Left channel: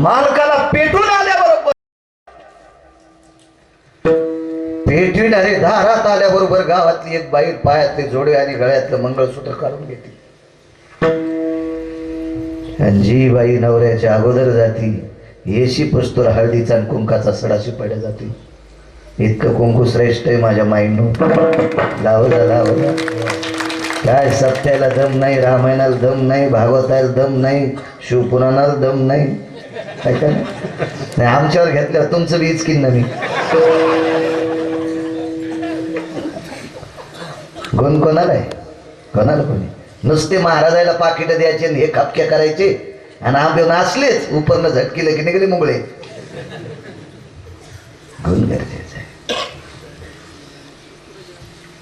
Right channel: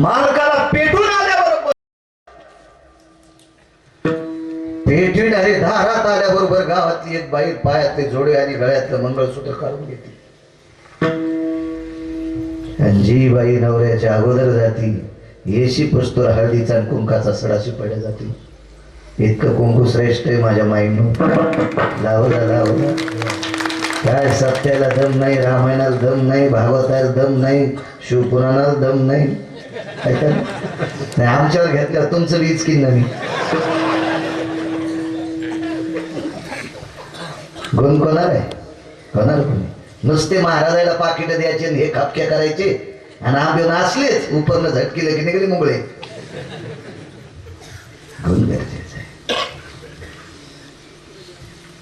मालकाला पेटून आल्याबरोबर पेटविणारे दारात आल्याबरोबर गावातली एक बाई पायातले जोडे आणि गळ्यातलं मंगळसूत्र काढून घेते. आणि जी बाई नवऱ्याच्या अगोदर जाती येशी पस्तूर हळदीचा आणि कुंकाचा सडाशी पडल्या जाते. इतकं कुंकू श्रेष्ठ आहे माझ्या माईनं. लावला काय सत्याला दम नाही, रामायणाला दम नाही, भागवताला दम नाही, शिवपुराणाला दम नाही. काय नाही आमच्यावर घेतल्यावर तुमचं वीज की मी गुण कोणाला आहे? कोणाला कोणी नुसते महाराजाला पाकिट द्यायचे आणि हे खापक्या करायचे आणि आंबे नाचलेच उपरनं झटकीलं की निघले मुंगळे. गुण गरजेचं आहे.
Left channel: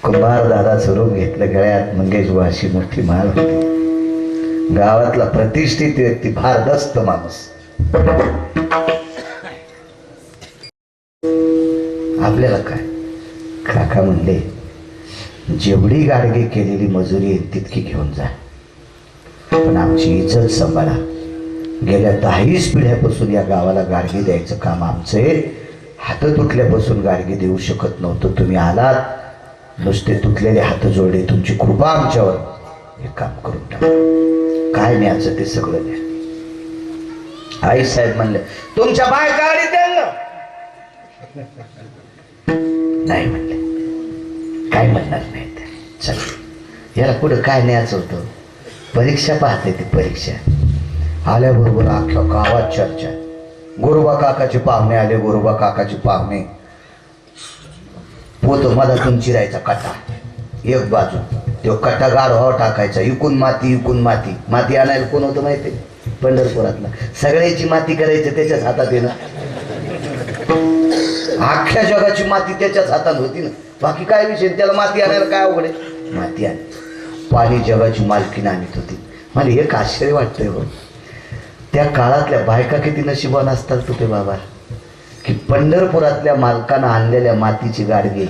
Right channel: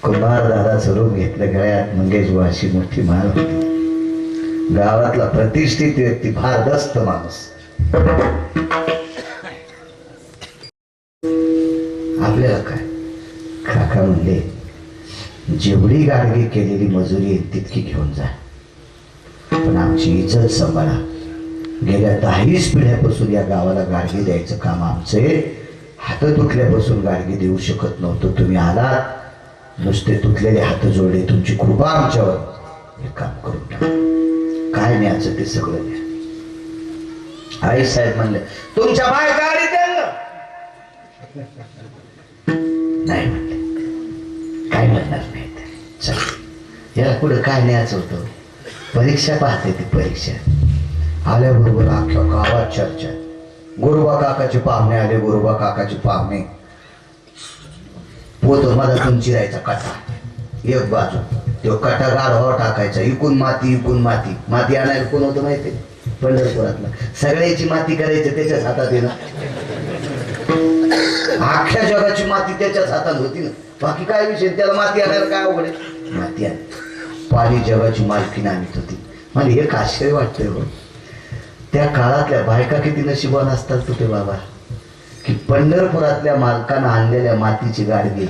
कुंभार दादाचं रूप घेतलं गळ्यात मंगेश अशी मोठी माळ होती. गावातला प्रतिष्ठित व्यक्ती, भारदस्त माणूस. आपल्याला काय काका म्हणले जेवढी गाडगे केलेली मजुरी आहे तितकी घेऊन जा, पण आमची इज्जत सांभाळा. गेल्या 10 पिढ्यापासून या गावाला गाडगे द्यायचं काम आमचं आहे. हात तुटल्यापासून गाडगे देऊ शकत नव्हतं. तुम्ही आलात, नुसते तुटलेले हात जोडले, तुमची कृपा आमच्यावर, हे काम करून टाका. काय न्यायचं ते सगळं न्या. आई साहेब म्हणले तुमच्या बाय गाडी द्या ना. नाही म्हणले काय म्हणणार नाही. चल याला पुढे काय न्यायचं होतं. परीक्षा पाहते ती परीक्षा. आल्याबरोबर अख्ख्या गावात चर्चा. गोरोबा काकाचे पाहुणे आले, गोरोबा काकाचे पाहुणे. पोत मधातून चिरायचा कटा एक बाजू, तो कटा गाढवा टाकायचा. इकून माती इकून माती. माती आणायला कोण होतं माहिती? पंढरपुरातला. सगळ्याची माती करायचं त्याच्याच हातात आहे ना. अख्ख्या जगाची माती त्याच्याच हातात होती ना. बाकी काय विषय, त्याला माती आणायला काय अवघड आहे? माती आण. पाणी जगाची मालकी आणत होती. मला एक आश्चर्य वाटतंय हो, त्या काळातल्या बायका किती नशिबान असतात तुझे बाबा, की पंढरपुरातल्या मालकानं आणलेल्या मातीची गाडगे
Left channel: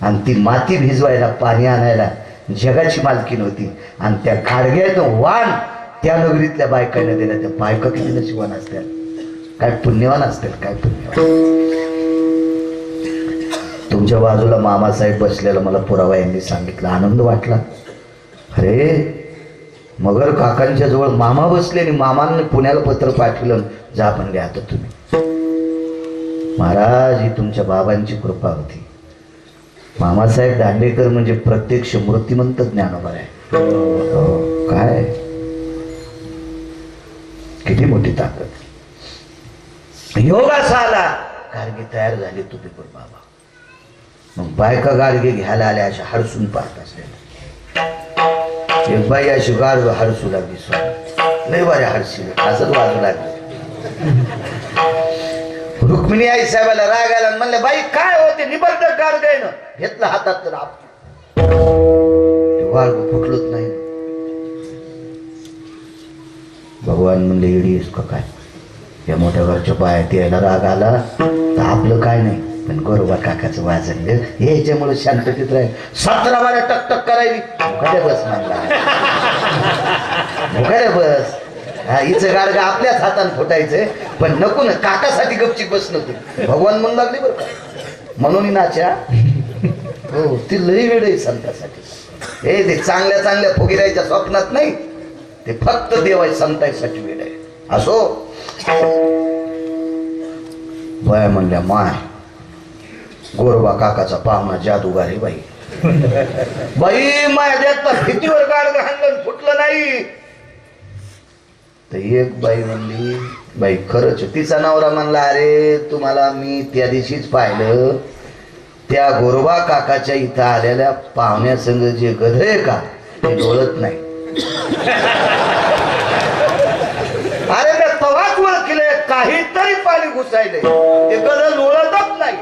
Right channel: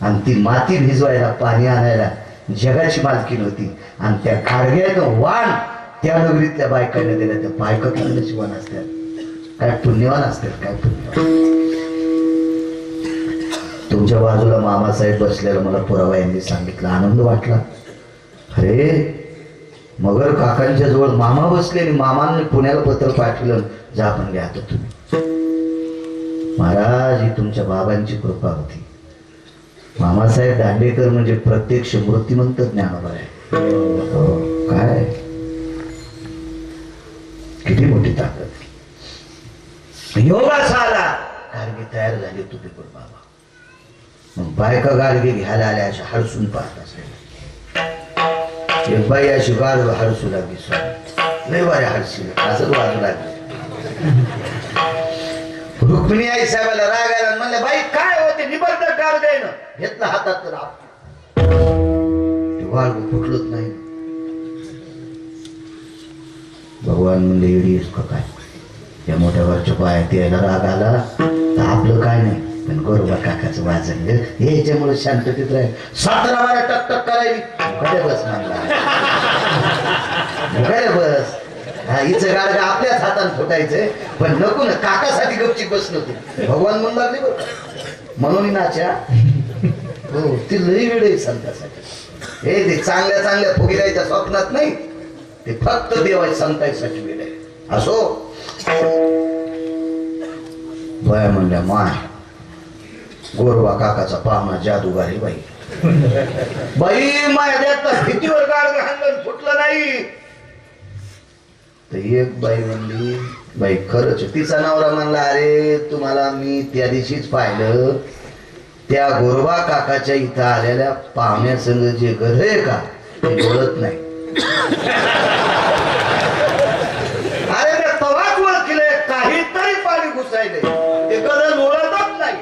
आणि ती माती भिजवायला पाणी आणायला जगाची मालकी नव्हती. आणि त्या गाडग्यानं वाण त्या नगरीतल्या बायकांना दिल्या. त्या बायका किती नशिबान असतात, काय पुण्यवान असतात, काय पुण्यवान. तुमच्या बाजूला मामासाहेब बसलेला मला पुरावा यांनी सांगितलं. आनंद वाटला. अरे मगर काकांच्या जवळ मामा बसले आणि मामांनी पुण्याला पत्र पाठवलं, जा म्हणले आता तुम्ही. महाराज ही तुमच्या बाबांची कृपा होती. मामासाहेब दांडेकर म्हणजे प्रत्यक्ष मूर्तिमंत ज्ञानोबा आहे. काय किती मोठी ताकद. योगाचा आला, गाडगे तयार झाले तुझे बाबा. मग बायका गाडगे घ्यायला आल्या, अशा हरसून पाहत असलेल्या. एक बाई अशी गाड हरसू लागली. स्वामी लय बऱ्या हरशी असंच वाजू लागले. रुक्मिणी आई साहेबाला राग आला, म्हणले बाई काय होते निबंध गाडगे ना. घेतलं हातात तर वाळ फुटलंच नाही. भगवान म्हणले येडीस का काय, या मोठ्या घरच्या पायात यायला राग आला तर आपलं काय नाही, पण गोरोबा काकाचं वाजन याच्यामुळे शांततेत राहील. 17 बारा टकटक करायली. मुखाद्या बस म्हणला, मुखाद्या बस. हा हिचं गाडगा आपल्याच हाताने फुटायचंय, पण नको ना काकासाठी गपचिप बस नको. भगवान म्हणू लागले बरं का, म्हणून नाच्या. हो ती लई वेळ आहे संतासाठी. हे ते चांगल्या चांगल्या फुगिरायच्या स्वप्नात नाही, ते फक्त देवाय संतासाठी वेळ आहे. असो बया म्हणल्या माय गोरोबा काकाचा पाहुणा जादूगारी बाई. बाई माय देतात भीतीवर गाडगं हाणलं फुटलं नाही. तर एक बाई म्हणली बाई खरंच. तिचा नवरा म्हणला अरे तुम्हाला मी त्या दिवशीच पाहिलं, त्या गोरोबा काकाच्या इथं आलेल्या पाहुण्यासंग जे गध आहे का ते डोळत नाही. अरे ते तवाच ओळखले काहीतरी पाणी घुसायले, ते गध डोळतच नाही.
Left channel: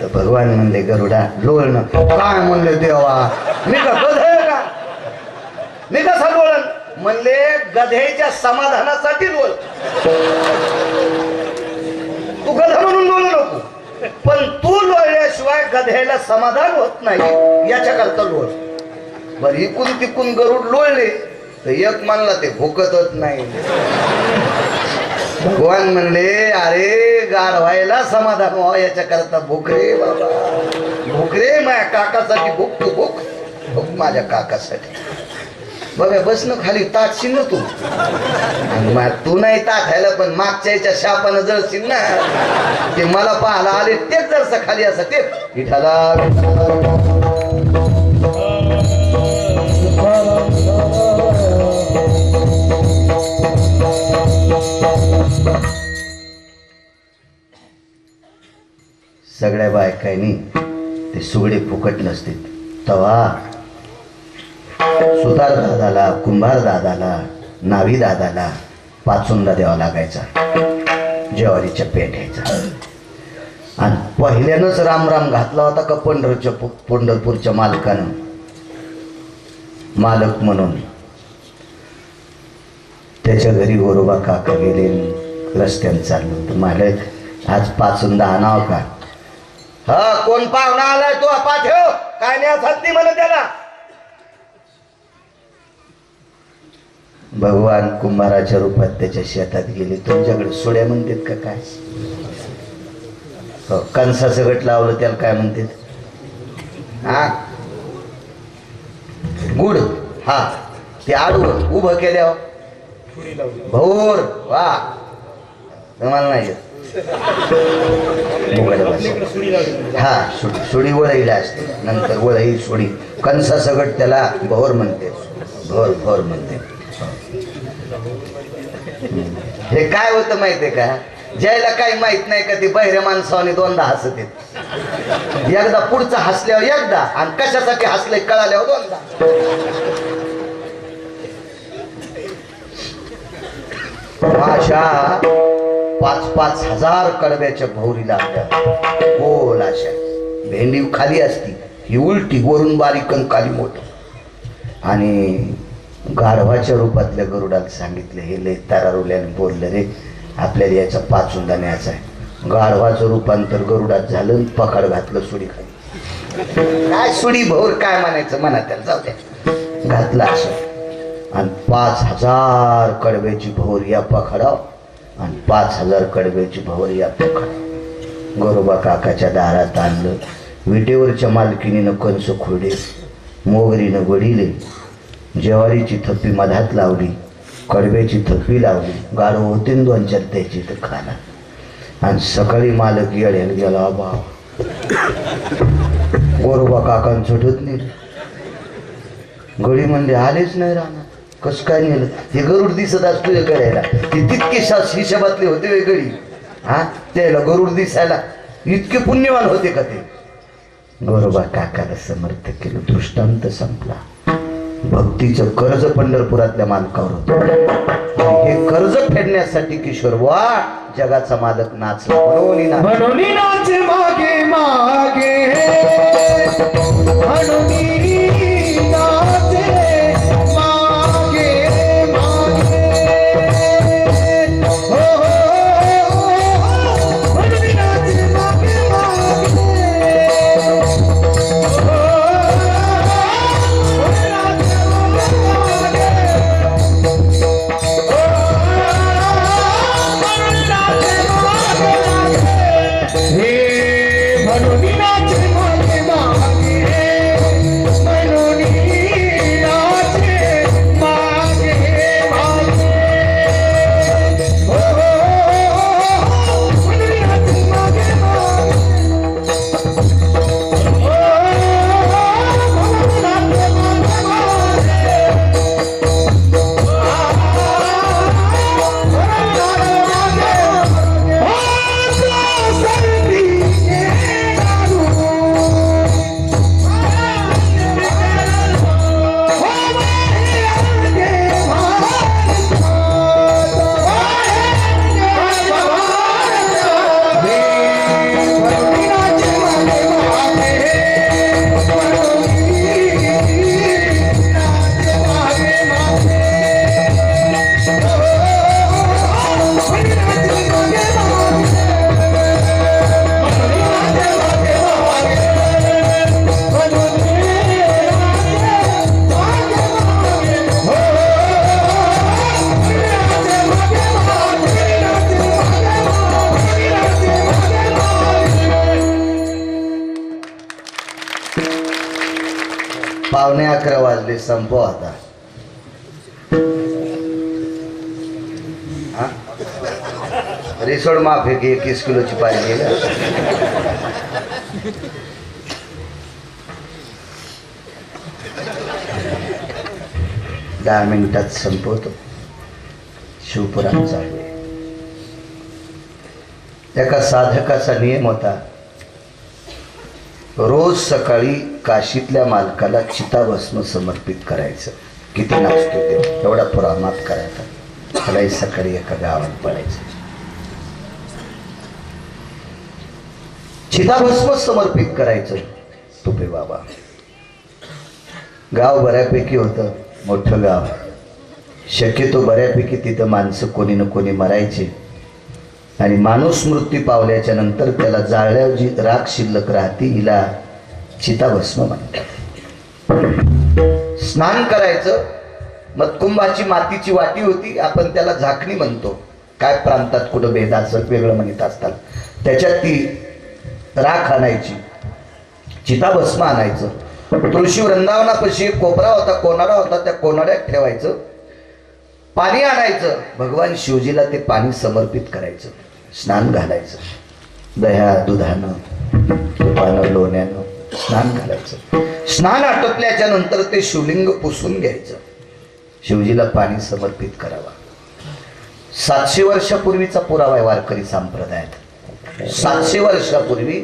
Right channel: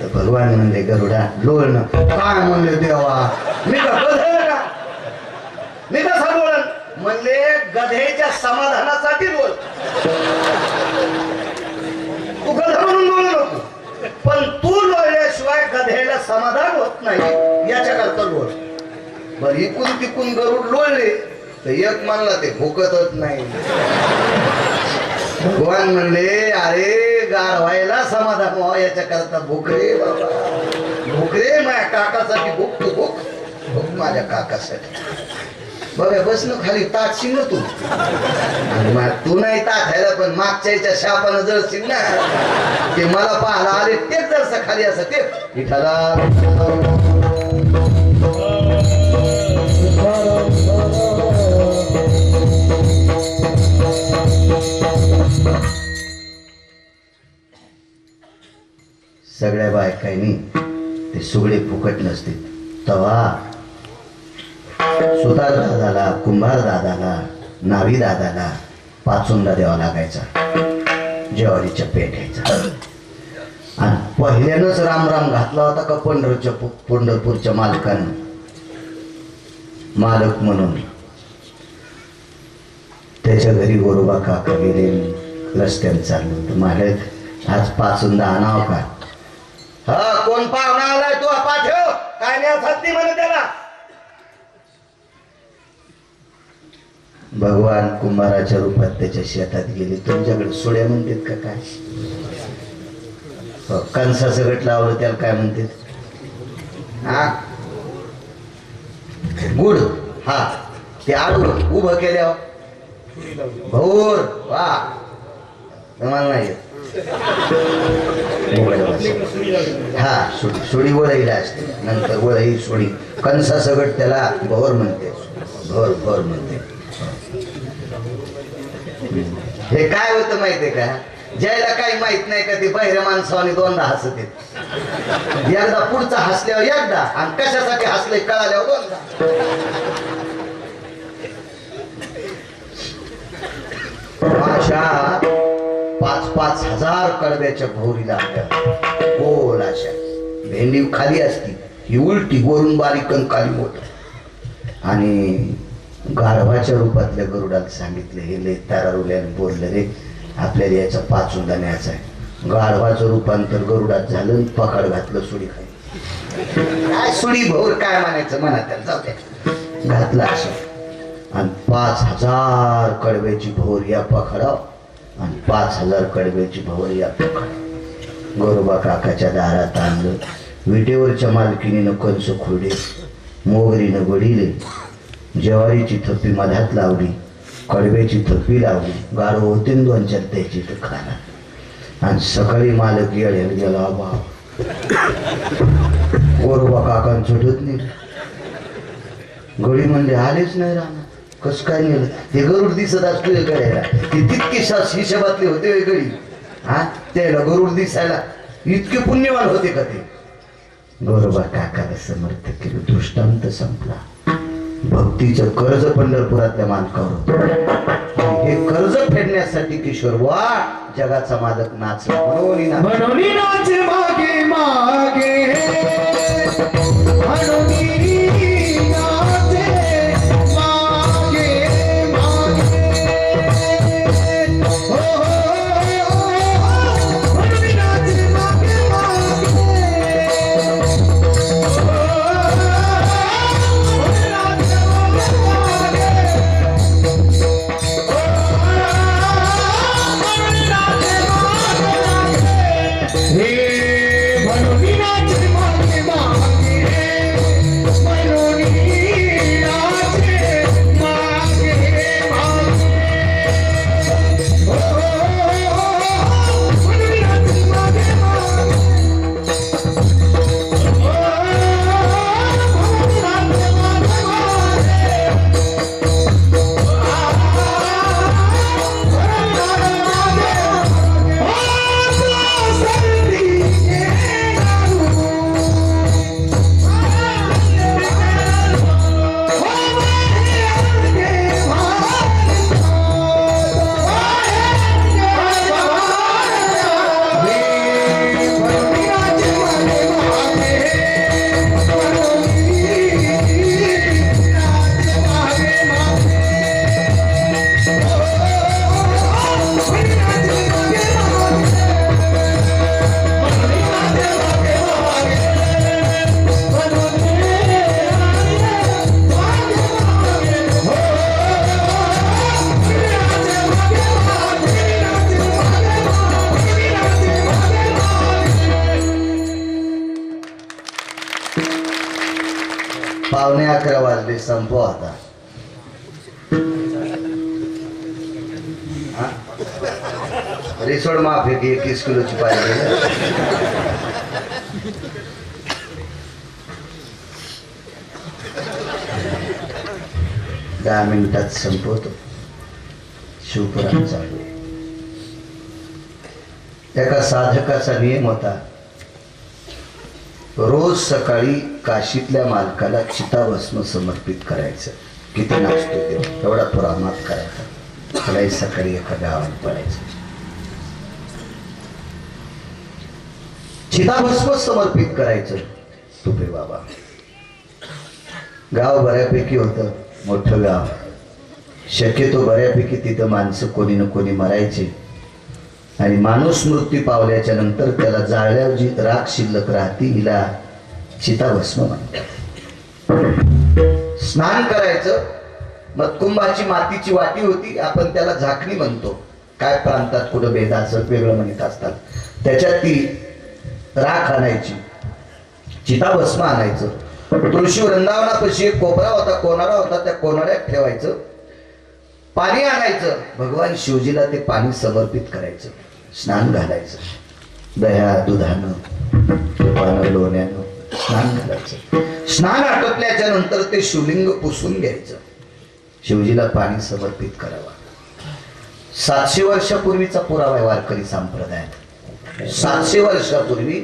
तर भगवान म्हणले गरुडा लोळणं काय म्हणले देवा, मी का गध आहे का, मी कसा लोळण. म्हणले गधेच्या समाधानासाठी लोळ. तू गध म्हणून लोळ नको, पण तू लोळल्याशिवाय गधेला समाधान होत नाही याच्या करता लोळ. बर इकून तिकून गरुड लोळले. तर एक म्हणला ते भुकतच नाही. भगवान म्हणले अरे गार व्हायला समाधान व्हावं याच्या करता भूक रे बाबा, भूक रे माझ्या काकासाठी भूक, तू भूक भूक माझ्या काकासाठी. बघा बस ना खाली ताटशील ना तू, आणि तू नाही ताठायला पण मागच्या याच्या शापानं जळशील ना. ते मला पाहायला आले तेच जरसा खाली असं ते विठाला सगळ्या बायकांनी ते सुगडे फुकट नसते. तवा सुतार दादाला, कुंभार दादाला, नावी दादाला पाचुंदा द्यावा लागायचा ज्वारीच्या पेठ्याचा. आणि पहिल्यानंच रामराम घातला होता का पंढरपूरच्या मालकानं, मालक म्हणून. त्याच्या घरी गोरोबा काका गेले, रस्त्याने चाललो होतं. मालक आज पाचुंदा आणावं का? हा कोण पाहुणा आलाय तू पाठव, काय नाही म्हणत त्याला. भगवान कुंभाराच्या रूपात त्याच्या शेतात गेले. तुमच्याकडे सोड्या म्हणतात का काय? कणसा सगट लावलं त्याला काय म्हणतात? हा गुड, हा ते आडवं उभं केल्यावर भोर. वा तुम्हाला नाही येत. हा सुडी वळईला असते, नंतर वळई सुडी. कणसा सगट त्याला भोर म्हणते, भोर भोर म्हणते. हे काय होतं माहितीये का? ज्याला काही माहित नाही का ते बहिऱ्या माणसाने दोनदा हसत येत. एकदा पुढचं हसल्यावर एकदा, आणि कशासाठी हसले कळाल्यावर दोनदा. अशा 5-5 हजार कडब्याच्या भोवरीला आपल्या गोल अशा. भेंडी खाली असती, ही उलटी, वरून बारीक आणि खाली मोठ. आणि गाढवाच्या रूपातल्या गरुडाला सांगितलं, हे लय तारारुल्याने बोललं रे, आपल्याला याचा पाचुंदा न्यायचा आहे. गाढवाचं रूपांतर गरुडात झालं, पकड घातलं सुडी खाली. काय सुडी भोर काय म्हणायचं म्हणा त्याला, जाऊ द्या. घातलं असं. आणि 5,000 कडब्याची भोर या पकडाव, आणि 5,000 कडब्याची भोर या पकड. गोरोबा काकाच्या दारात आणलं. विटेवरच्या मालकीनीनं कंस खोडे, मोगरीनं वडिले, ज्वारीची थप्पी मधात लावली, कडब्याची थप्पी लावली. गाढव होते 2-4 त्याची तर खाना. आणि सकाळी मालक येड्याला गेला. बा गोरोबा काकान सुटत नाही. गडी म्हणजे आलेच नाही राहणार. कसं काय नेलं? हे गरुड दिसत असतो करायला, ती तितके हिशोबातले होते वेगळी. हा त्याला गरुड दिसायला इतके पुण्यवान होते का ते? गोरोबा काकाला समर्थ केलं. दृष्टांत संपला. भक्तीचं कर्ज पंढरपुरातल्या मालकावर होतं. हे कर्ज फेडण्यासाठी किशोर वा जगाचा मालक नाचला. म्हणून नाच मागे मागे, 11:15 वाजले, संपव आता. रिसोड माफ आहे की 21 किलोची पाहिजे. 10 मिनिटात संपवतो. शिवपुराण चालू आहे. एका साधकाचा नियम होता, रोज सकाळी काशीतल्या मालकाला चिताभस्म समर्पित करायचं. किती नाचतो ते एवढा पुराणात करायचा. त्यालाही सकाळी एका गावात पडायचं. चिताभस्म समर्पित करायचं. तुपे बाबा गाव बऱ्यापैकी होतं, मोठं गाव. शक्यतो बऱ्यापैकी तिथं माणसं कोणी ना कोणी मरायचे. आणि माणूस मृत्यू पावल्याच्या नंतर त्याला जाळल्यावर जी राख शिल्लक राहते हिला चिताभस्म म्हणतात. स्नान करायचं. मतकुंभाची मातीची वाटी होती, आपण त्याला झाकणी म्हणतो. काय प्रांतात कुठं भेदाचं वेगळं म्हणत असतात. त्याच्यात ती राख आणायची, चिताभस्म आणायचं. तुळशी वृंदावनापाशी एक कोपरा होता, कोनाडा होता. त्या कोनाड्यात ठेवायचं. पाणी आणायचं. भगवान शिवजीला ते पाणी समर्पित करायचं. स्नान घालायचं. दह्या दुधानं तुपानं लोण्यानं स्नान घालायचं. स्नान आटोपल्याच्या नंतर ते शिवलिंग पुसून घ्यायचं. शिवजीला पाणी समर्पित करावा. 700 वर्षापूर्वीचा पुरावा आहे वारकरी संप्रदायात. 700 वर्षापूर्वी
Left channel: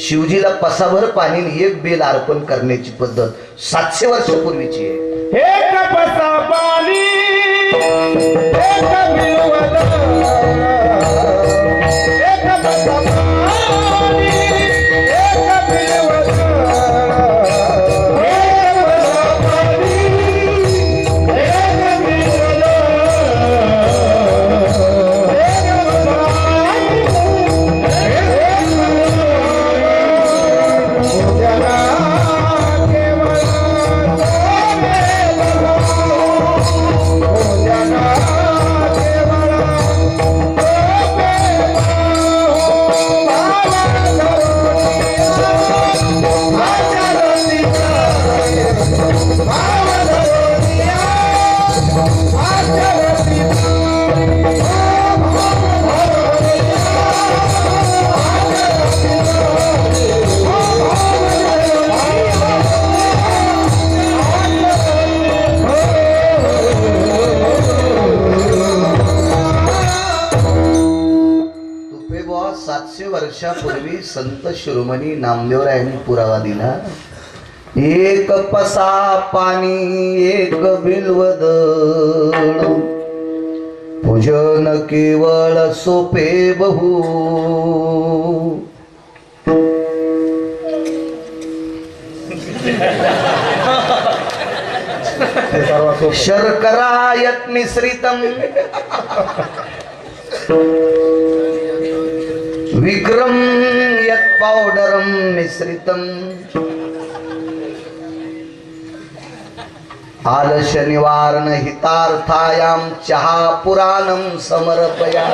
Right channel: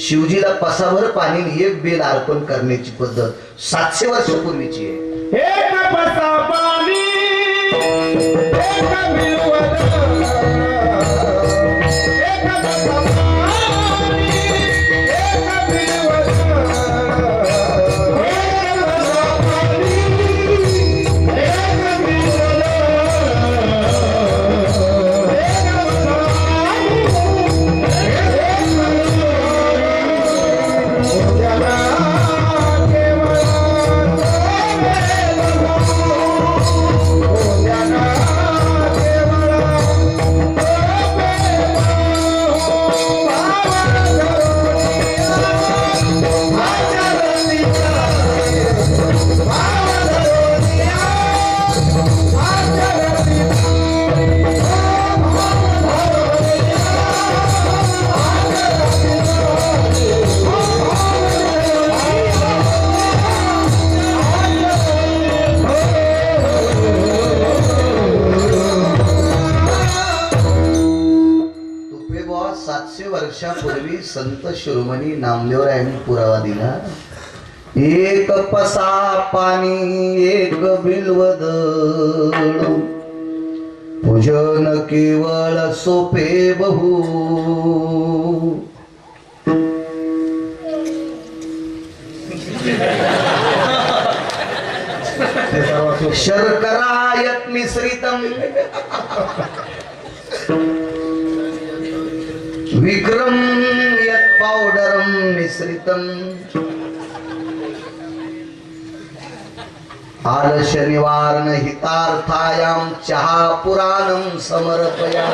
शिवजीला पसाभर पाणी एक बेल अर्पण करण्याची पद्धत 700 वर्षापूर्वीची आहे. वर्षापूर्वी संत शिरोमणी नामदेवरायांनी पुरावा दिला. एक पसा पाणी एक बिल्वद पूजन केवळ सोपे बहु. शर्करा यत् मिश्रितम विक्रम यत् पाउडरम मिश्रितम आलस्य निवारण हितार्थायाम चहा पुराणम समर्पया.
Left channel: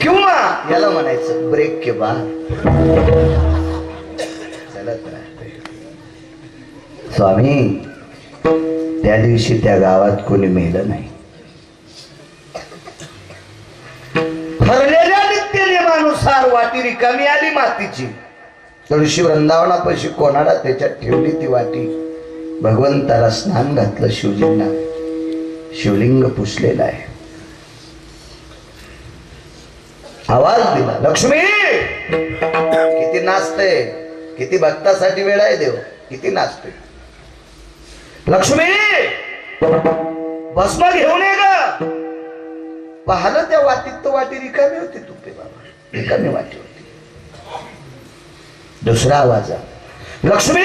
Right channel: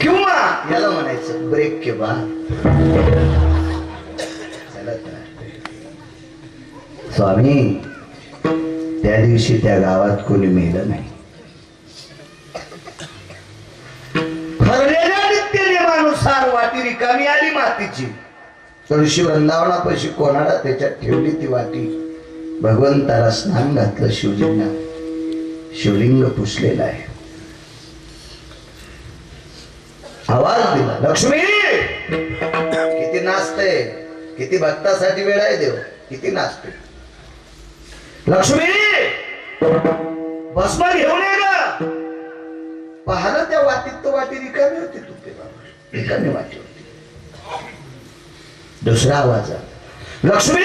किंवा याला म्हणायचं ब्रेक के बाद चलत राहते. स्वामी त्या दिवशी त्या गावात कोणी मेलं नाही. ठरलेल्या नित्य नियमानुसार वाटी रिकामी आली मातीची. तुळशी वृंदावनापाशी कोणाला त्याच्यात ठेवली ती वाटी. भगवंताला स्नान घातलं. शिवजींना शिवलिंग पुसलेला आहे. आवाज दिला लक्ष्मी. किती नाचते, किती भक्तासाठी वेळ आहे देव. किती नाचते लक्ष्मी. भस्म घेऊन ये ग. पाहिलं त्या वाटीत तर वाटी रिकामी होती. तुपे बाबा रिकामी वाटी होती. दुसरा आवाज आला लक्ष्मी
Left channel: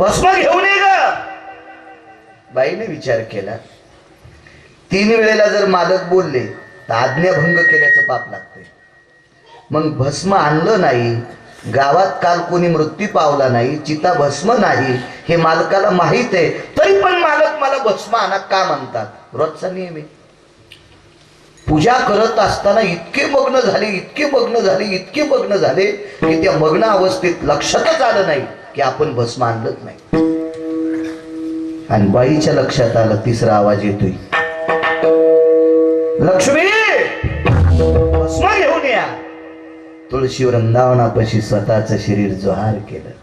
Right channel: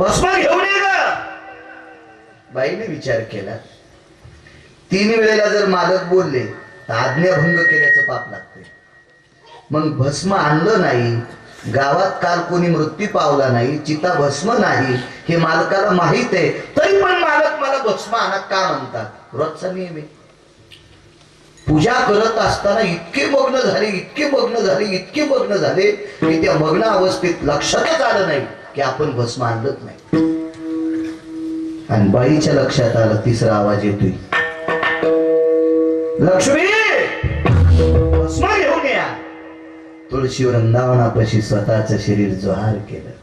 भस्म घेऊन ये ग. बाईने विचार केला 3 वेळेला जर मालक बोलले तर आज्ञाभंग केल्याचं पाप लागते. मग भस्म आणलं नाही. गावात काल कोणी मृत्यू पावला नाही. चिता भस्म नाही हे मालकाला माहित आहे. तरी पण मालक मला भस्म आणा का म्हणतात. रोजचा नियम आहे. पूजा करत असताना इतके मग्न झाले, इतके मग्न झाले, इतके मग्न झाले की त्या मग्न अवस्थेत लक्षातच आलं नाही की आपण भस्म आणलंच नाही. आणि बाईच्या लक्षात आलं, तिसरा आवाज येतोय, लक्ष्मी भस्म घेऊन या. तुळशी वृंदावनापाशी स्वतःच शरीर जोहार केलं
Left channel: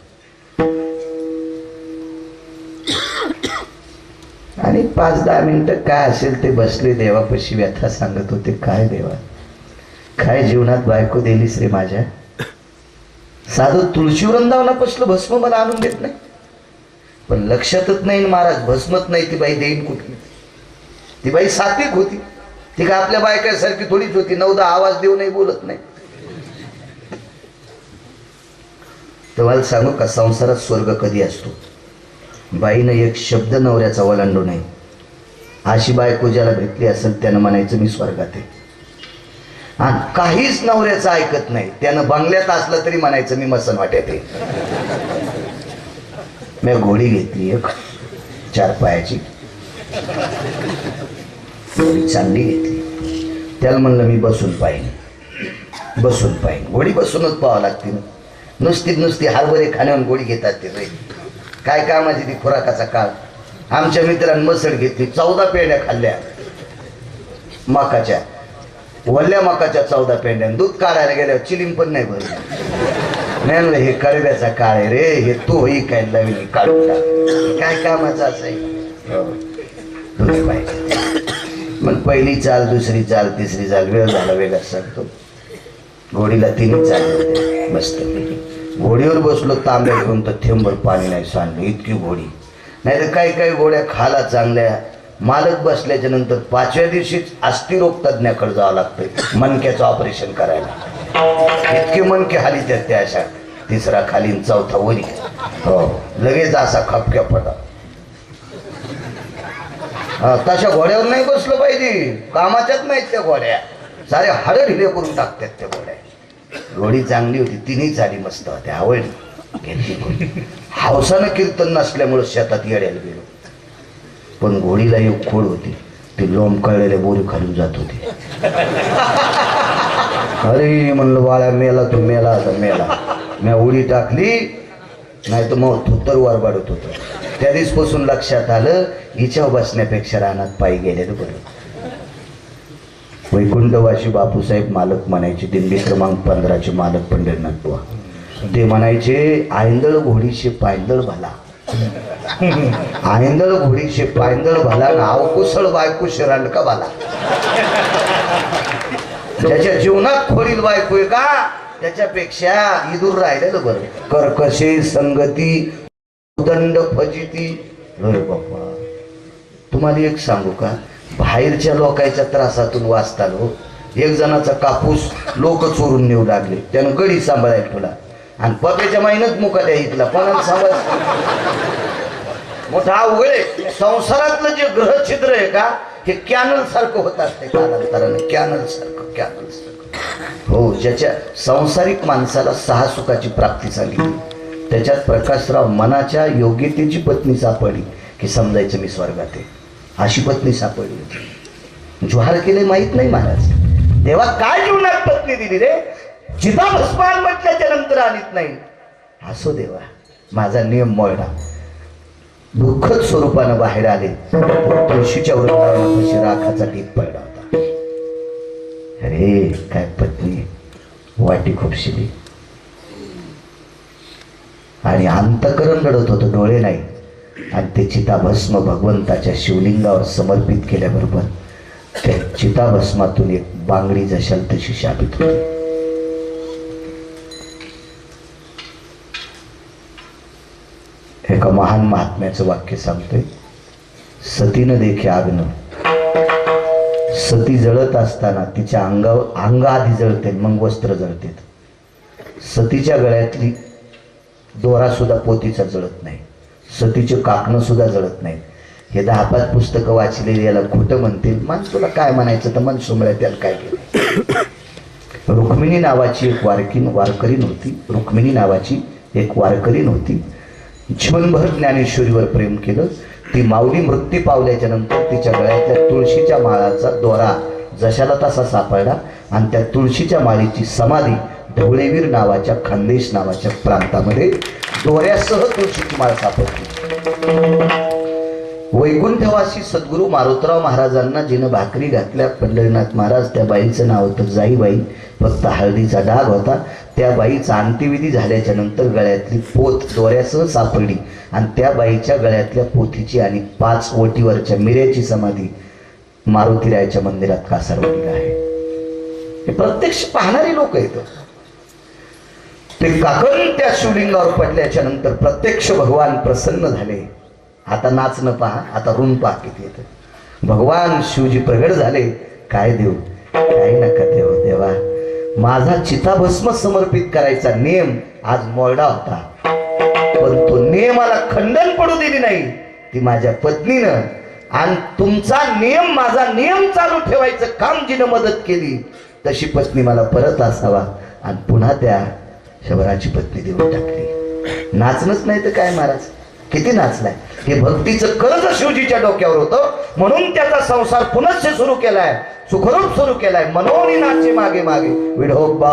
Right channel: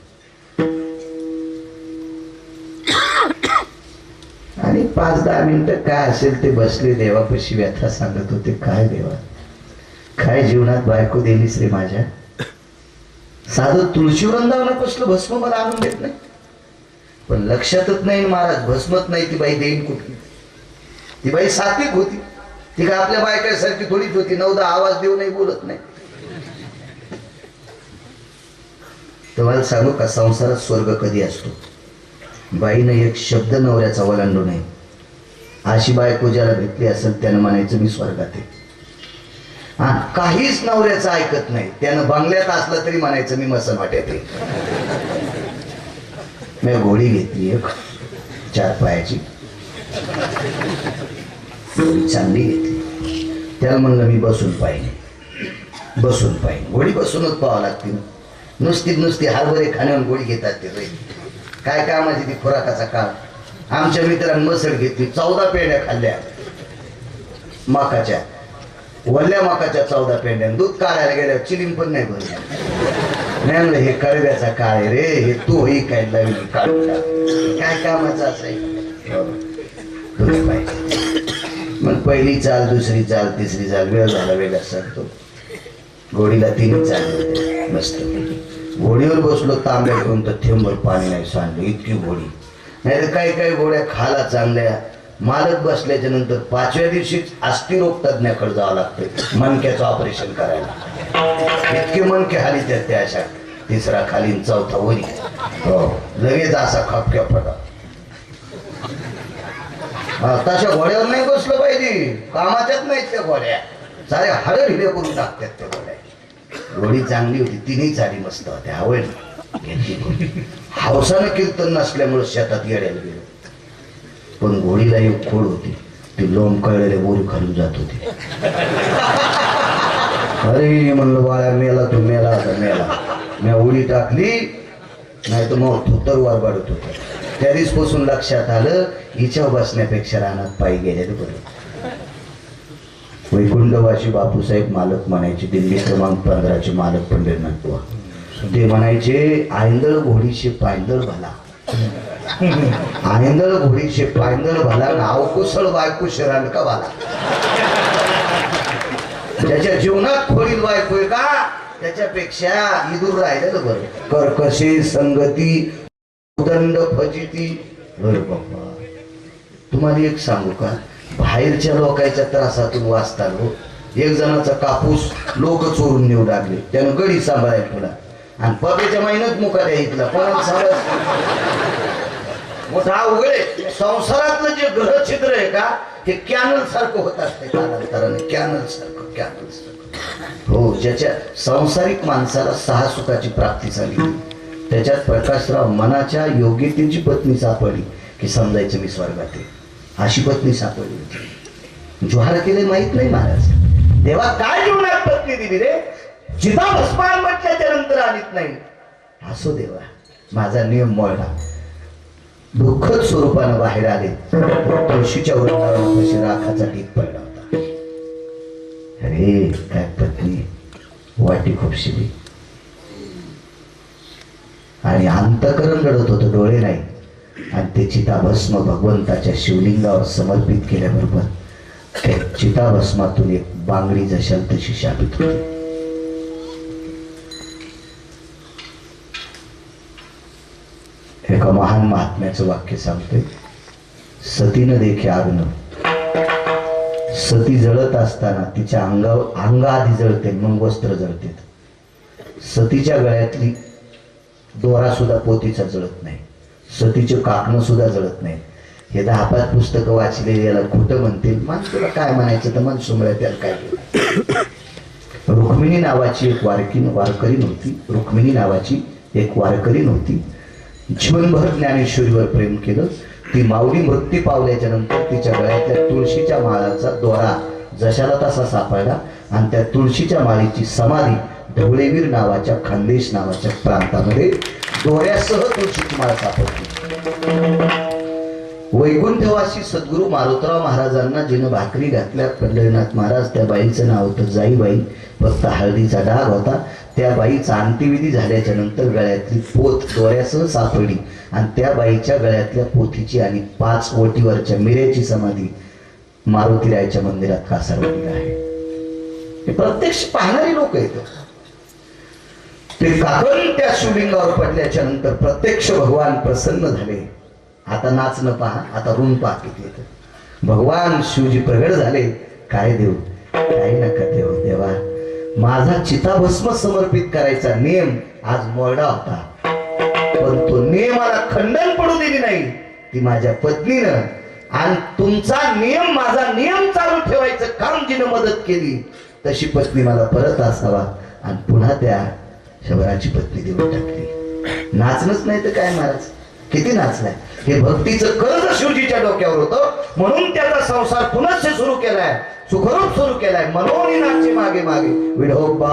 आणि 5-10 मिनिटं काय असेल ते बसले देवापाशी, व्यथा सांगत होते. काय देवा, काय जीवनात बायको दिलीस रे माझ्या. साधं तुळशी वृंदावनापासलं भस्म मला आणून देत नाही, पण लक्षातच नाही महाराज भस्मच नाही. ती बाई देईन कुठली. ती बाई सात्विक होती, ती काय आपल्या बायकासारखी थोडीच होती. 9-10 आवाज देऊ नाही, बोलत नाही. तुम्हाला सांगू का, संसारात स्वर्ग कधी असतो. बाईनं एक शब्द नवऱ्याचा ओलांडू नये. अशी बायको ज्याला भेटली असेल त्यानं म्हणायचं मी स्वर्गात आहे. आणि काहीच नवऱ्याचं ऐकत नाही, त्यानं बंगल्यात असलं तरी म्हणायचं मी मसन वाट्यात आहे. मी घोडी घेतली एक 4 पायाची, घोडी चांगली घेतली. त्याला म्हणलं मी बसून पाहिजे, बसून पाहिजे. घोडी बसूनच पाहावं लागते. नुसती हरभरे खाण्यावर गोळी घेतात ते रे. काय कामाची ती खुराकाचा काळ. आमच्या मित्रांनी मसळ घेतली, 14 पेंड्या खाल्ल्या मकाच्या, वल्ल्या मकाच्या 14 पेंड्या. दूध काढायला गेल्यावर चिलिम पण नाही भरली. नाही म्हणलं हे कडव्याचा काळ आहे रे, हे तू ही काय लावली काढून टाक. काय कामाचं असाय. मग पहिली चाल, दुसरी चाल, तिसरी चाल, वेळ झाला वेगळा सांगतो. घोडीला 3 चाल मस्त. घोडीवर बसलो, तांब्या घेऊन तर थेंबर पाणी नाही सांडलं, इतकी घोडी. नाही तर काही काही घोड्या खाला चांगल्या. मालक बसल्याच्या नंतर 5व्या दिवशीच अस्थिरोग तज्ञाकडे जावं लागतं मणक्याचं ऑपरेशन करायला. इतके मणके हाली त्या अशा. 3रा खाली, 4था वरी. हो, लगेच असा खपक्या फटा. तशा घोड्यावर नाही बसलं पाहिजे, कामाच्याच नाहीत त्या घोड्या. सारे हाडं ढिले करून टाकतात त्या घोड्या. घोडी चांगली होती, 3ही चाली मस्त होत्या. आवड घेतली. हौसानं कीर्तन नसल्यामुळे शेतात येड्याला गेलो. पण घोडीला एक खोड होती, ती लोंब कळलेले बोरी खालून जात होती. अरे म्हणलं बाळा, मेला तू, मेला आता मेला. मी उडी टाकली, नाही तर मग थुत्तर वारबाडत होतं. त्या दिवसपासून लक्षात आलं, हिच्यावर बसण्यापेक्षा रानात पायी गेलेलं बरं. वैकुंठवासी बापूसाहेब मालक म्हणायचे, दिंडी क्रमांक 15चे मालक पंढरीनाथ बुवा. ते म्हणायचे, आयंदळ घोडीशे पायंदळ भाला, आयंदळ घोडीशे पायंदळ भाला, अवकुसळ बायकोशे रांडका भाला. ज्याच्या जीवनात खोडील बायको आहे का, त्याच्यापेक्षा इदूर राहिलेलं बरं. कर्कशे संगती उदंड फजिती. अरे बाप्पा, तुम्हाला एक सांगू का, बाहेरच्या लोकांच्या त्रासातून वाचताना एक जणाचा कापूस लोक चोरून नेऊ लागले, त्यानं गडी सांभाळायला ठेवला. आणि पप्याच्या महिन्यात मुका द्यायला कोणाला सांभाळ. मोठा अवघड आहे. संसारातलं जे ग्रह छिद्र आहे का, हे कॅनल सारखं होत असते कालांतराने. कॅनल सारखं, कॅनल सारखं. हो, ज्याच्या सांसारिक माणसाला 6 सुखाची प्राप्ती झाली, त्याच्यात प्रकाशराव मनाच्या योग्यतेची पत्नी सापडली की समजायचं मी स्वर्गात आहे. अशी पत्नी सापडली. ज्वार केले माहित नाही महाराज. देवा काय जीवनात पत्नी दिली रे, जिता भस्मान म्हटल्याच्या नंतर आणत नाही. असो देवा, माझा नियम मोडला. दुःखद स्वरूपानं बाहेर आले. तुळशीच्या वृंदावनापाशी राखाचा ढीग पडला होता. अरे काय पत्नी, वाटी खुपशिली. आणि अंतकरण रडत होतं, डोळे नाही. आणि ते चिताभस्म भगवंताच्या शिवलिंगावर समर्पित केल्याबरोबर त्या चिताभस्मातून एक बांगडी जशाल तशी शापित होती. एका महान महात्म्याचं वाक्य सांगतोय, सतीनं देखे आग्न. सती जळत असताना तिच्या अंग आधी जळते, मग वस्त्र जळते. सतीच्या गळ्यातली दोरा सुद्धा पोतीचा जळत नाही, सतीचे काकणं सुद्धा जळत नाही. हे 10-5 पुस्तकं वाचलेली याला खोटं म्हणतील. मन तुला काय म्हणायचं तर मन सुमळ्या, त्याला काय केलं. रुक्मिणी नावाची एक वारकरी नव्हती. रुक्मिणी नावाची एक वारकरी नव्हती. जीवनभर ज्ञानेश्वरीवर प्रेम केलं. ती माऊली मृत्यू पावल्याच्या नंतर तिच्या गळ्यातल्या तुळशीच्या माळाचा दोरा जशाला तसा सापडला आणि त्या तुळशीच्या माळीची समाधी ढवळेवीर नावाच्या खानदेश नावाच्या प्रांतामध्ये दोऱ्यासह तुळशीची माळ सापडली. वैकुंठवासी सद्गुरू मारुतराव महाराजांना जिनं भाकरी घातल्या पंढरीनाथ महाराज, त्या बाईचं नाव होतं जाईबाई. फक्त हळदीचा डाग होता. त्या बाईचा अंत्यविधी झाल्याच्या नंतर गळ्यातली पोत दोऱ्यासह सापडली आणि त्या बाईच्या गळ्यातल्या पोथीची आणि 5 ओटीवरच्या मिऱ्याची समाधी मारुतीरायाच्या मंदिरात कासारवाडीला आहे. हे प्रत्यक्ष पाहणारी लोक आहेत. ते काकण त्या शिवलिंगावर पडल्याच्या नंतर प्रत्यक्ष भगवान प्रसन्न झाले. आता नाच न पहा, आता ऋण पहा किती येतं. भगवान शिवजी प्रगट झाले. काय देऊ, काही नका देऊ देवा, माझा चिताभस्म समर्पित करायचा नियम आज मोडा होता, पण तो नियमाला खंडन पडू दिली नाही ती माझ्या पत्नीनं. आणि तुमचा नियम माझा नियम चालू ठेवायचं काम जिनं मदत केली तशी पत्नी मला परत असावा. आणि पुन्हा त्या शबराची पत्नी देऊन टाकली. नाचणच नाही तर काय महाराज, किती नाचलाय. हे भक्तीचं कर्ज शिवजीच्या डोक्यावर होतं, म्हणून त्याचा संसार पुनश्च सुरू केलाय, सुखरूप सुरू केलाय. मनोनी नाचे मागे मागे विढोबा.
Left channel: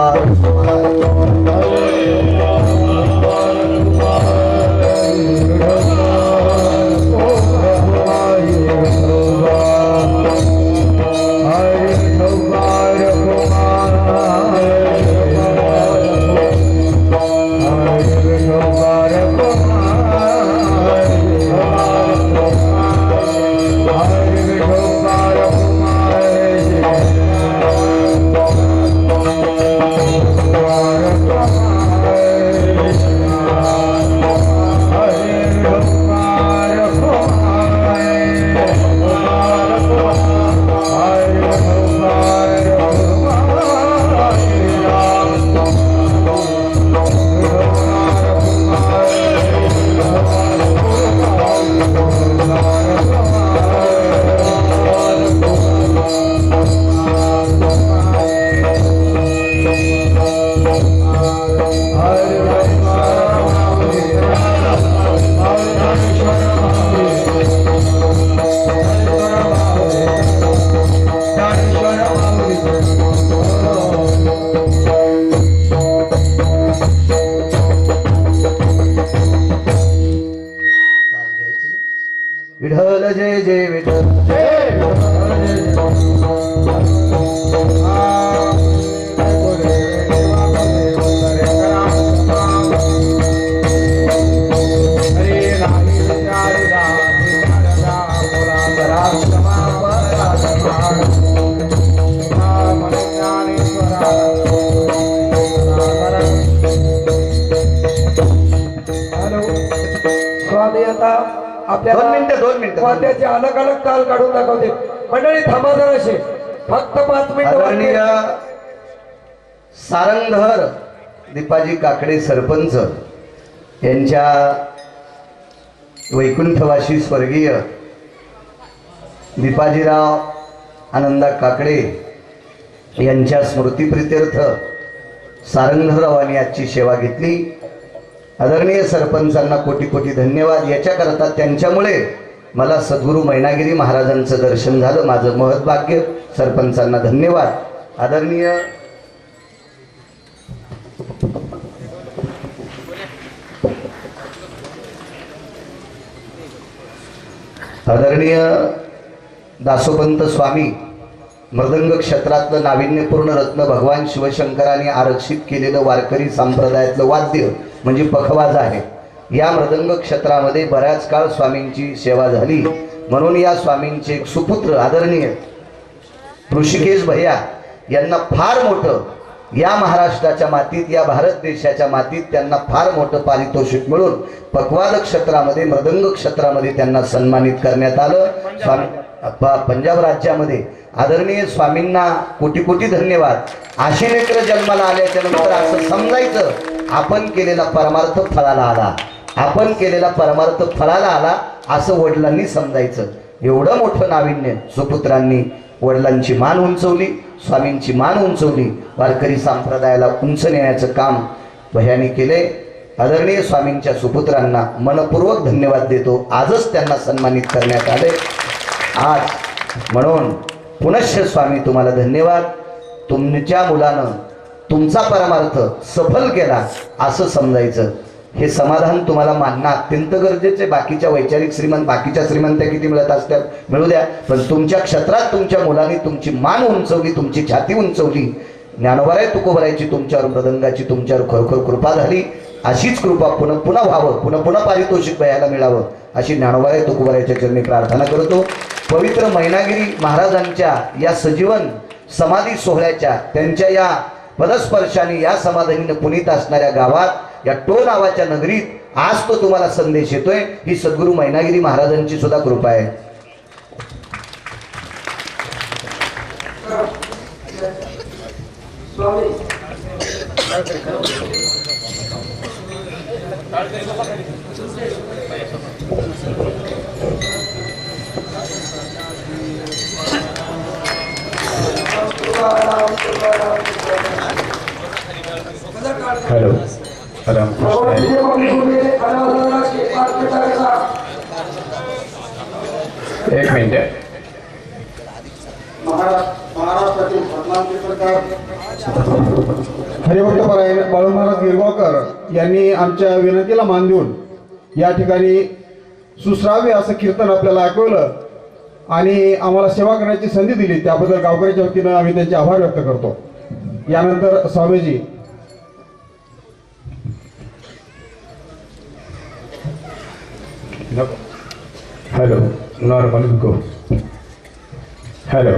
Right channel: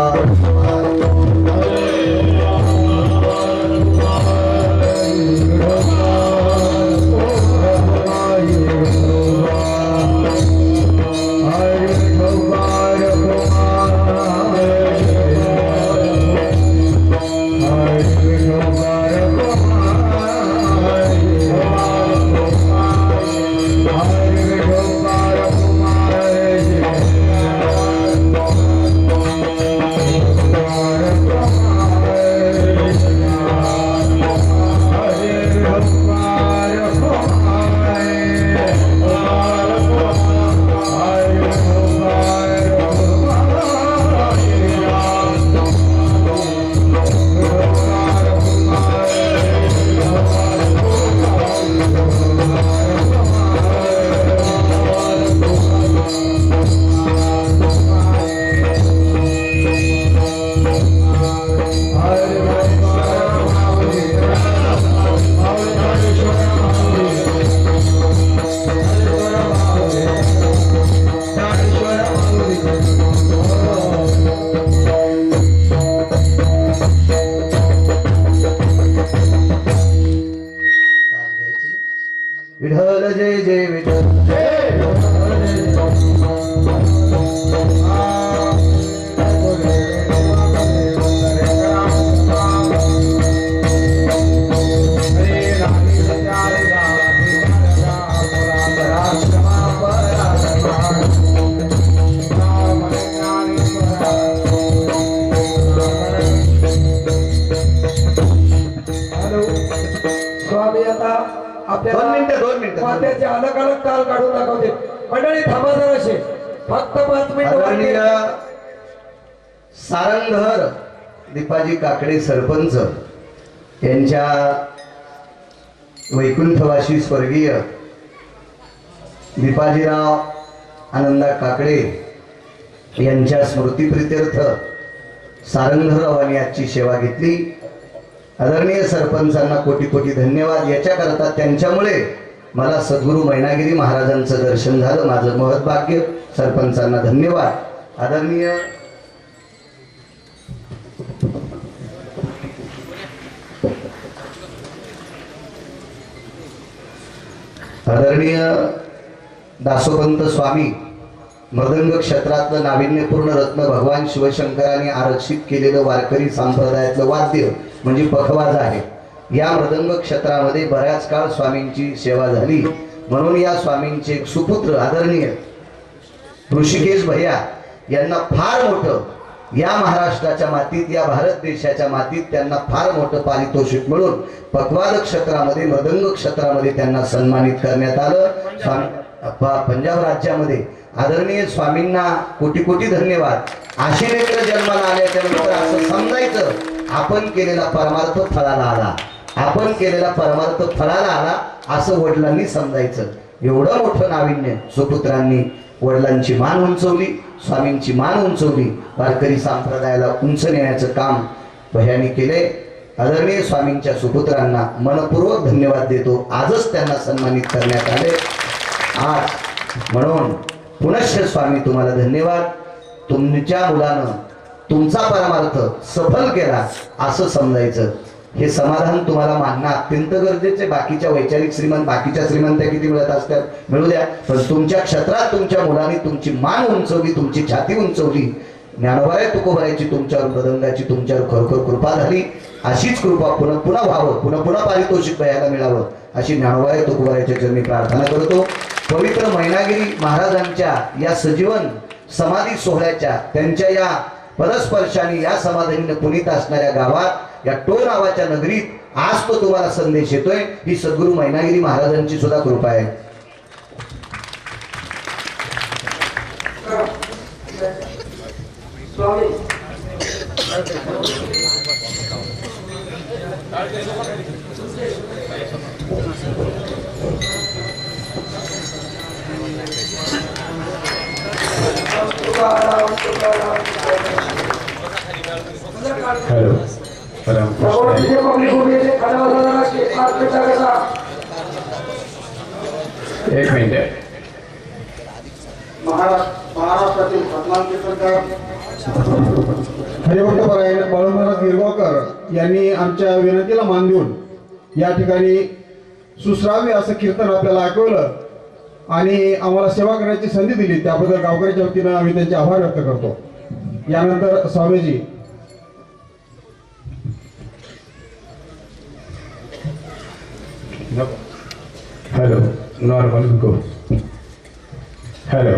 विठ्ठल जय जय विठ्ठल. स्वामी आता आपल्याला 2 मिनिटं वाद्याचे अलग अलग ताल काढून दाखवते. मंडळी थांबा जराशे, फक्त 5 आदरणीय मिनिटं. सारंगधर दीपाजी काकडे सरपंच यांच्या वैकुंठवासी स्वर्गीय दीपाजीराव आनंदा काकडे यांच्या स्मृतिप्रित्यर्थ सारंगधररावांनी आजची सेवा घेतली. आदरणीय सरपंचांना कोटी कोटी धन्यवाद. याच्याकरता त्यांच्यामुळे मला सद्गुरू मैनागिरी महाराजांचं दर्शन झालं, माझं महत्भाग्य. सरपंचांना धन्यवाद. आदरणीय दासोपंत स्वामी, मृदंग क्षेत्रातलं नाविन्यपूर्ण रत्न भगवान शिवशंकरांनी आरक्षित केलेलं वारकरी संप्रदायातलं वाद्य म्हणजे पखवाज आहे. या मृदंग क्षेत्रामध्ये बऱ्याच काळ स्वामींची सेवा झाली, म्हणून या स्वामींचे एक सुपुत्र आदरणीय ऋषिकेश भैया यांना फार मोठं या महाराष्ट्राच्या मातीत, या भारत देशाच्या मातीत त्यांना फार मोठं पारितोषिक मिळून पखवाज क्षेत्रामध्ये, मृदंग क्षेत्रामध्ये त्यांना सन्मानित करण्यात आलं. स्वामी पंजाब राज्यामध्ये आदरणीय स्वामींना कोटी कोटी धन्यवाद. असे लेकरं जन्माला आल्याच्या नंतर असं समजायचं आपण केलेला परमार्थ फळाला आला, आपण केलेला परमार्थ फळाला आला असं वडिलांनी समजायचं. एवढं मोठं नाविन्य सुपुत्रांनी वडिलांची मान उंचवली, स्वामींची मान उंचवली, वारकरी संप्रदायाला उंच नेण्याचं काम भयाने केले. आदरणीय स्वामींच्या सुपुत्रांना मनपूर्वक धन्यवाद देतो. आजच त्यांना सन्मानित करण्यात आले. आज म्हणून पुनश्च स्वामी तुम्हाला धन्यवाद. तुमच्या मुलानं तुमचा परमार्थ सफल केला असं समजायचं. हे समाधान तुम्हाला मानणं अत्यंत गरजेचे. बाकीच्या वैचारिक श्रीमंत, बाकीच्या श्रीमंत्या किती मिळत असतात मिळू द्या, पण तुमच्या क्षेत्रात तुमच्या मुलांनी तुमची मान उंचवली, तुमची छाती उंचवली. ज्ञानोबाराय तुकोबारायची तुमच्यावर मृदंगाची तुमच्यावर खरोखर कृपा झाली. अशीच कृपा पुन्हा पुन्हा व्हावं, पुन्हा पुन्हा पारितोषिक बघायला मिळावं अशी ज्ञानोबाराय तुकोबारायच्या चरणी प्रार्थना करतो. पवित्र मैनागिरी महाराजांच्या या सजीवन समाधी सोहळ्याच्या त्यांच्या या पदस्पर्शाने या समाधीने पुनीत असणाऱ्या गावात या टो नावाच्या नगरीत आज तो तुम्हाला संदेश येतोय. ही सद्गुरू मैनागिरी महाराजांची सुद्धा कृपा आहे. हॅलो एक मिनिट. हरिभक्तपरायण बाळू महाराज गिरगावकर यांनी आमच्या विनंतीला मान देऊन या ठिकाणी सुश्राव्य असं कीर्तन आपल्याला ऐकवलं आणि आम्हाला सेवा करण्याची संधी दिली. त्याबद्दल गावकऱ्याच्या वतीनं आम्ही त्यांचे आभार व्यक्त करतो. यानंतर स्वामीजी हॅलो नॉर्मल गो. हॅलो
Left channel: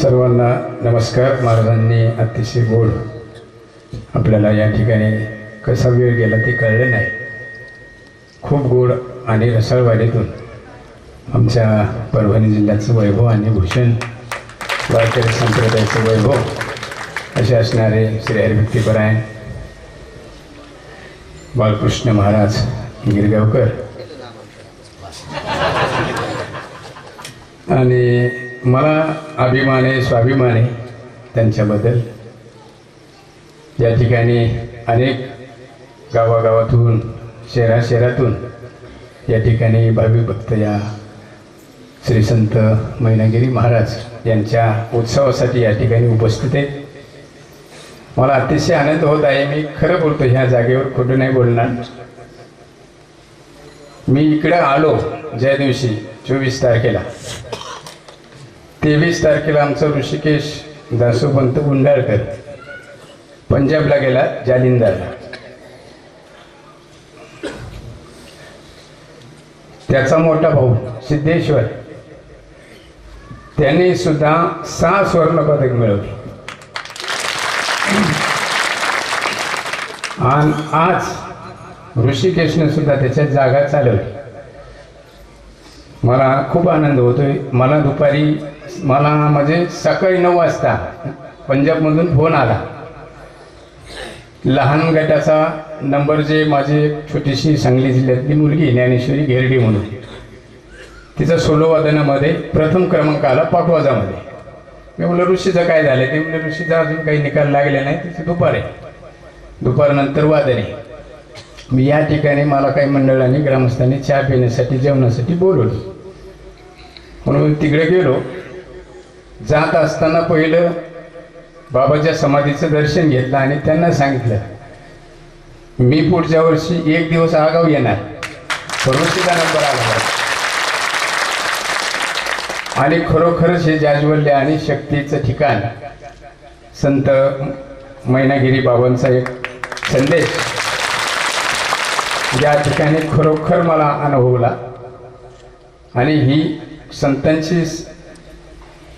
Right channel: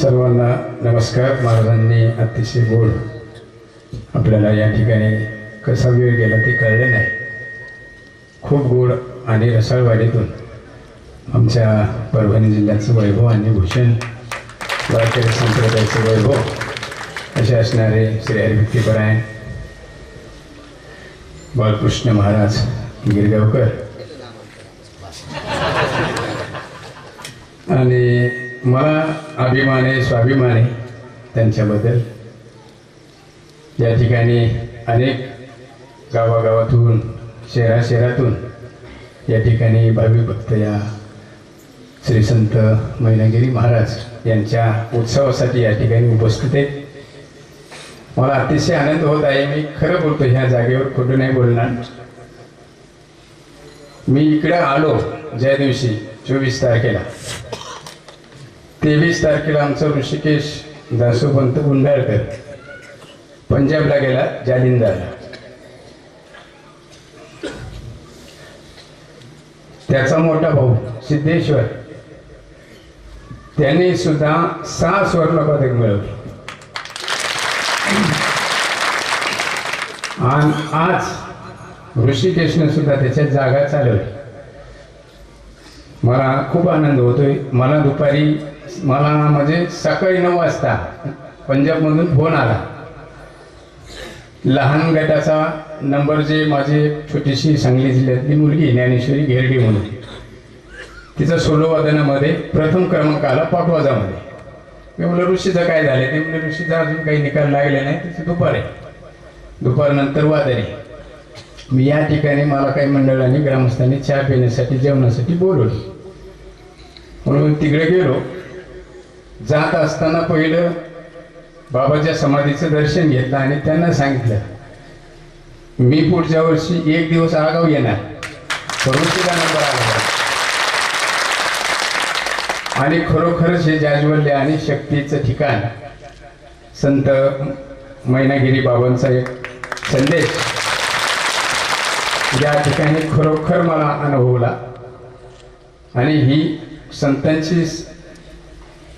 सर्वांना नमस्कार. महाराजांनी अतिशय गोड आपल्याला या ठिकाणी कसा वेळ गेला ते कळले नाही. खूप गोड आणि रसाळवाडीतून आमच्या परभणी जिल्ह्याचं वैभव आणि भूषण वारकरी संप्रदायाचं वैभव असे असणारे श्री हरिभक्तीपरायण बाळकृष्ण महाराज गिरगावकर आणि मला अभिमान आहे, स्वाभिमान आहे त्यांच्याबद्दल. या ठिकाणी अनेक गावागावातून शहराशहरातून या ठिकाणी भाविक भक्त या श्री संत मैनागिरी महाराज यांच्या उत्सवासाठी या ठिकाणी उपस्थित आहेत. मला अतिशय आनंद होत आहे. मी खरं बोलतो, ह्या जागेवर खोटं नाही बोलणार. मी इकडे आलो ज्या दिवशी 24 तारखेला, 23 तारखेला आमचा ऋषिकेश दासोपंत गुंडाळकर पंजाबला गेला, जालिंदरला. त्याचा मोठा भाऊ सिद्धेश्वर त्यांनी सुद्धा 6 सुवर्णपदक मिळवली. आणि आज ऋषिकेशने सुद्धा त्याच्यात जागा चालवली. मला खूप आनंद होतोय. मला म्हणजे सकाळी 9 वाजता पंजाबमधून फोन आला. लहान गटाचा नंबर, जे माझी छोटीशी सांगली जिल्ह्यातली मुलगी ज्ञानेश्वरी घेरडी म्हणून, तिचा सोलो वादनामध्ये प्रथम क्रमांक आला पाटवाजामध्ये. मी म्हणलं ऋषीचं काय झालं? ते म्हणलं ऋषीचा अजून काही निकाल लागले नाही, तिथे दुपार आहे, दुपारनंतर वादन आहे. मी या ठिकाणी मला काही मंडळांनी ग्रामस्थांनी चहा पिण्यासाठी जेवणासाठी बोलवलं म्हणून तिकडे गेलो. जात असताना पहिलं बाबाच्या समाधीचं दर्शन घेतलं आणि त्यांना सांगितलं मी पुढच्या वर्षी 1 दिवस आगाव येणार, ऋषीचा नंबर आला. आणि खरोखरच हे जाज्वल्य आणि शक्तीचं ठिकाण संत मैनागिरी बाबांचा एक संदेश या ठिकाणी खरोखर मला अनुभवला. आणि ही संतांची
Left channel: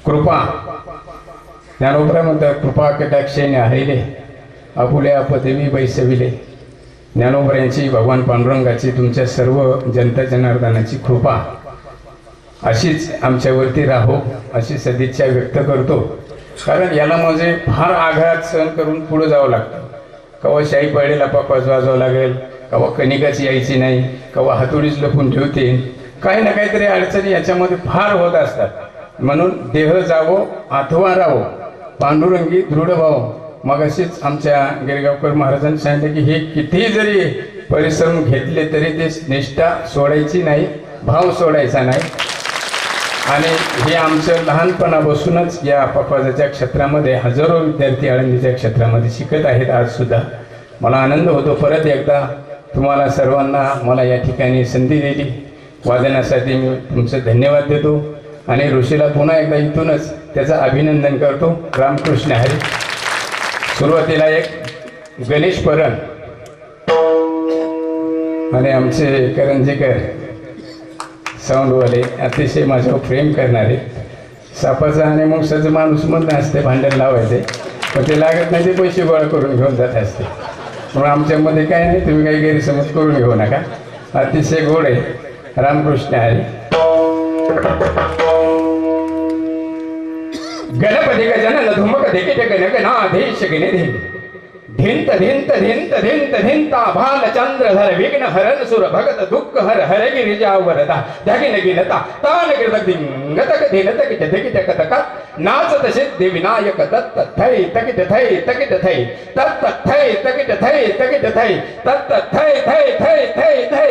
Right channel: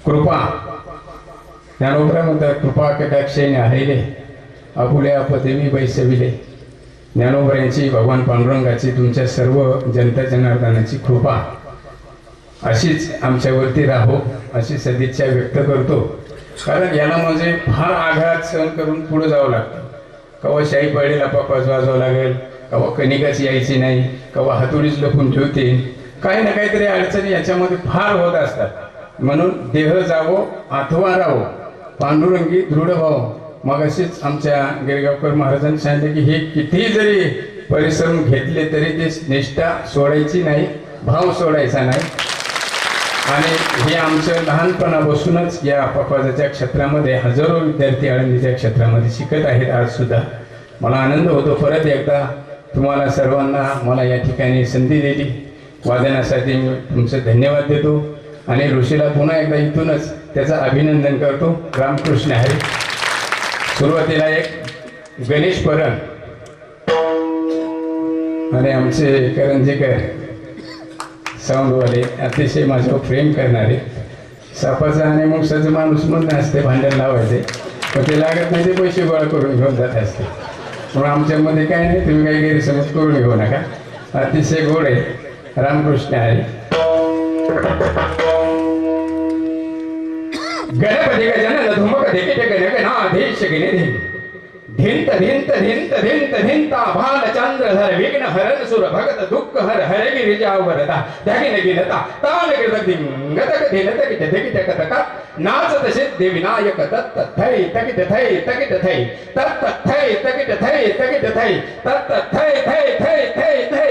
कृपा, ज्ञानोबरामध्ये कृपा कटाक्षेने हरिले आपुले आपदेवी बैसविले. ज्ञानोबरांची, भगवान पांडुरंगाची, तुमच्या सर्व जनता जनार्दनाची कृपा अशीच आमच्यावरती राहो अशी सदिच्छा व्यक्त करतो. कारण याला म्हणजे फार आघात सहन करून पुढे जावं लागतं. कवा शाही पडलेला पापाच वाजवावं लागेल, कवा कणिकाच यायची नाही, कवा हातोडीच लपून ठेवते, काही ना काहीतरी अडचणी याच्यामध्ये फार होत असतात. म्हणून देह जावो अथवा राहो पांडुरंगी दृढ भाव. मग अशीच आमच्या गिरगावकर महाराजांनी सांगितलं की हे कितीही जरी परिश्रम घेतले तरी ते निष्ठा सोडायची नाही भाव सोडायचा नाही. आणि हे आमचं लहानपणापासूनच या पखवाजाच्या क्षेत्रामध्ये हजारो विद्यार्थी आळंदीच्या क्षेत्रामध्ये शिकत आहेत आजसुद्धा. मला आनंद होतो. परत एकदा तुम्हाला सर्वांना मला या ठिकाणी संधी दिली वादनासाठी मी तुमचं धन्यवाद देतो. आणि ऋषीला पुन्हा एकदा इथूनच त्याचं अभिनंदन करतो. रामकृष्ण हरी. सुरुवातीला एक गणेश परण आणि आमचे करंजीकर साऊंडवाले अतिशय माझ्यावर प्रेम करणारे. सापाचा आणि मुंगसाचा माणूस म्हणून असते भांडण लावायचे, पण ते लागत नाही, ते पैसे गोळा करून घेऊन जात असते. म्हणून आमच्यामध्ये काय नाही, तुम्ही काही गैरसमज करून घेऊ नका. अतिशय गोड आहे. रामकृष्ण हरी. गणपती गजानन धुमक देखित गणगणाधीश गिनिधी धिंत धिंत धिंत धिंत धिंता भालचंद्रधर विघ्न हरण सुर भगत दुःख हर हर गिरिजा वरदा धगिन गिनता तान गिरत धिंगत धिनत किट धिकिट कतक नाचत सिद्धि विनायक दत्त थै तकिट थै तकिट थै तत्त थै तकिट थै तकिट थै तत्त थै थै थै थै थै.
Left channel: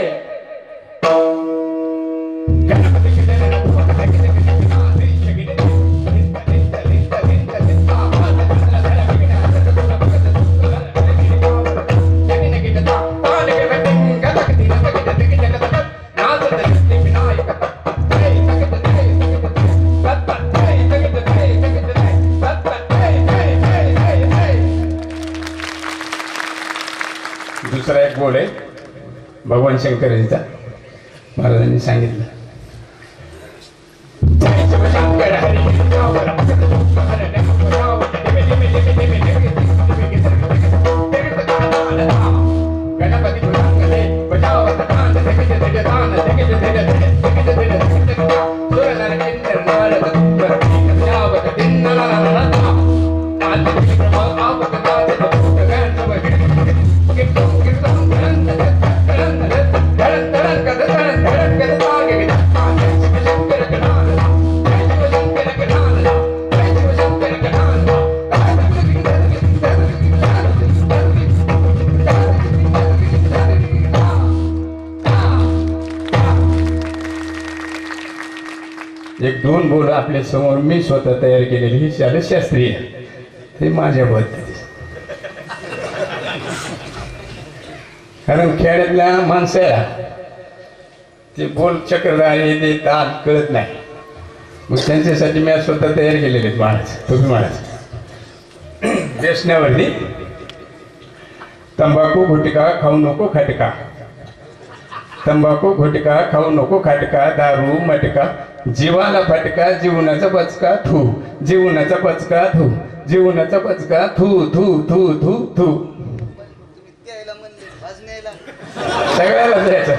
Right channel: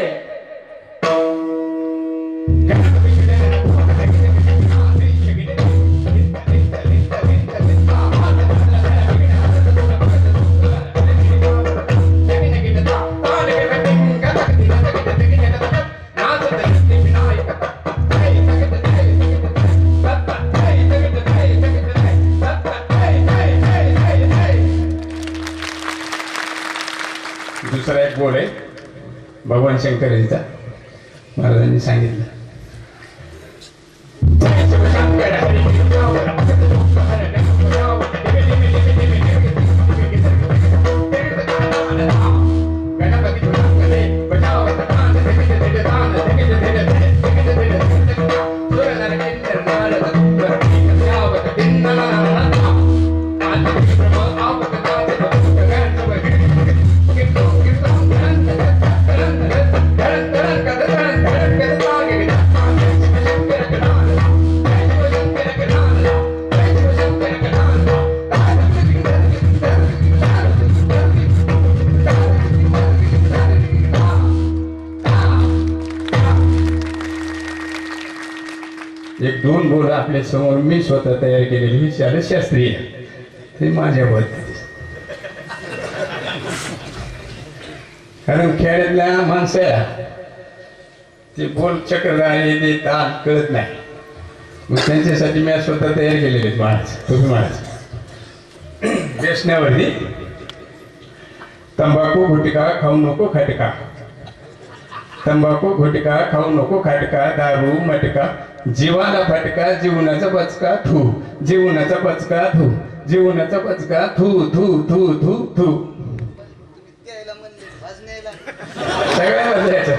दुसरा एक बोल आहे भगवान शंकरांचा. महाराजांनी सांगितलं एक दोन बोल आपल्या समोर मी स्वतः तयार केलेली ही शास्त्रीय ते माझ्या पद्धती. कारण खेड्यातल्या माणसाला ते बोल चक्रधारी ते ताल कळत नाही, मग त्यांच्यासाठी मी स्वतः तयार केलेले आहेत. महाराज तुम्ही महाराज व्यसनावरती तंबाखू गुटखा खाऊ नको खटका, तंबाखू गुटखा खाऊ नको खटका, दारू मटका जीवाला फटका, जीवनाचा पचका थू, जीवनाचा पचका थू, जीवनाचा पचका थू थू थू थू थू. सगळ्याला द्यायचं.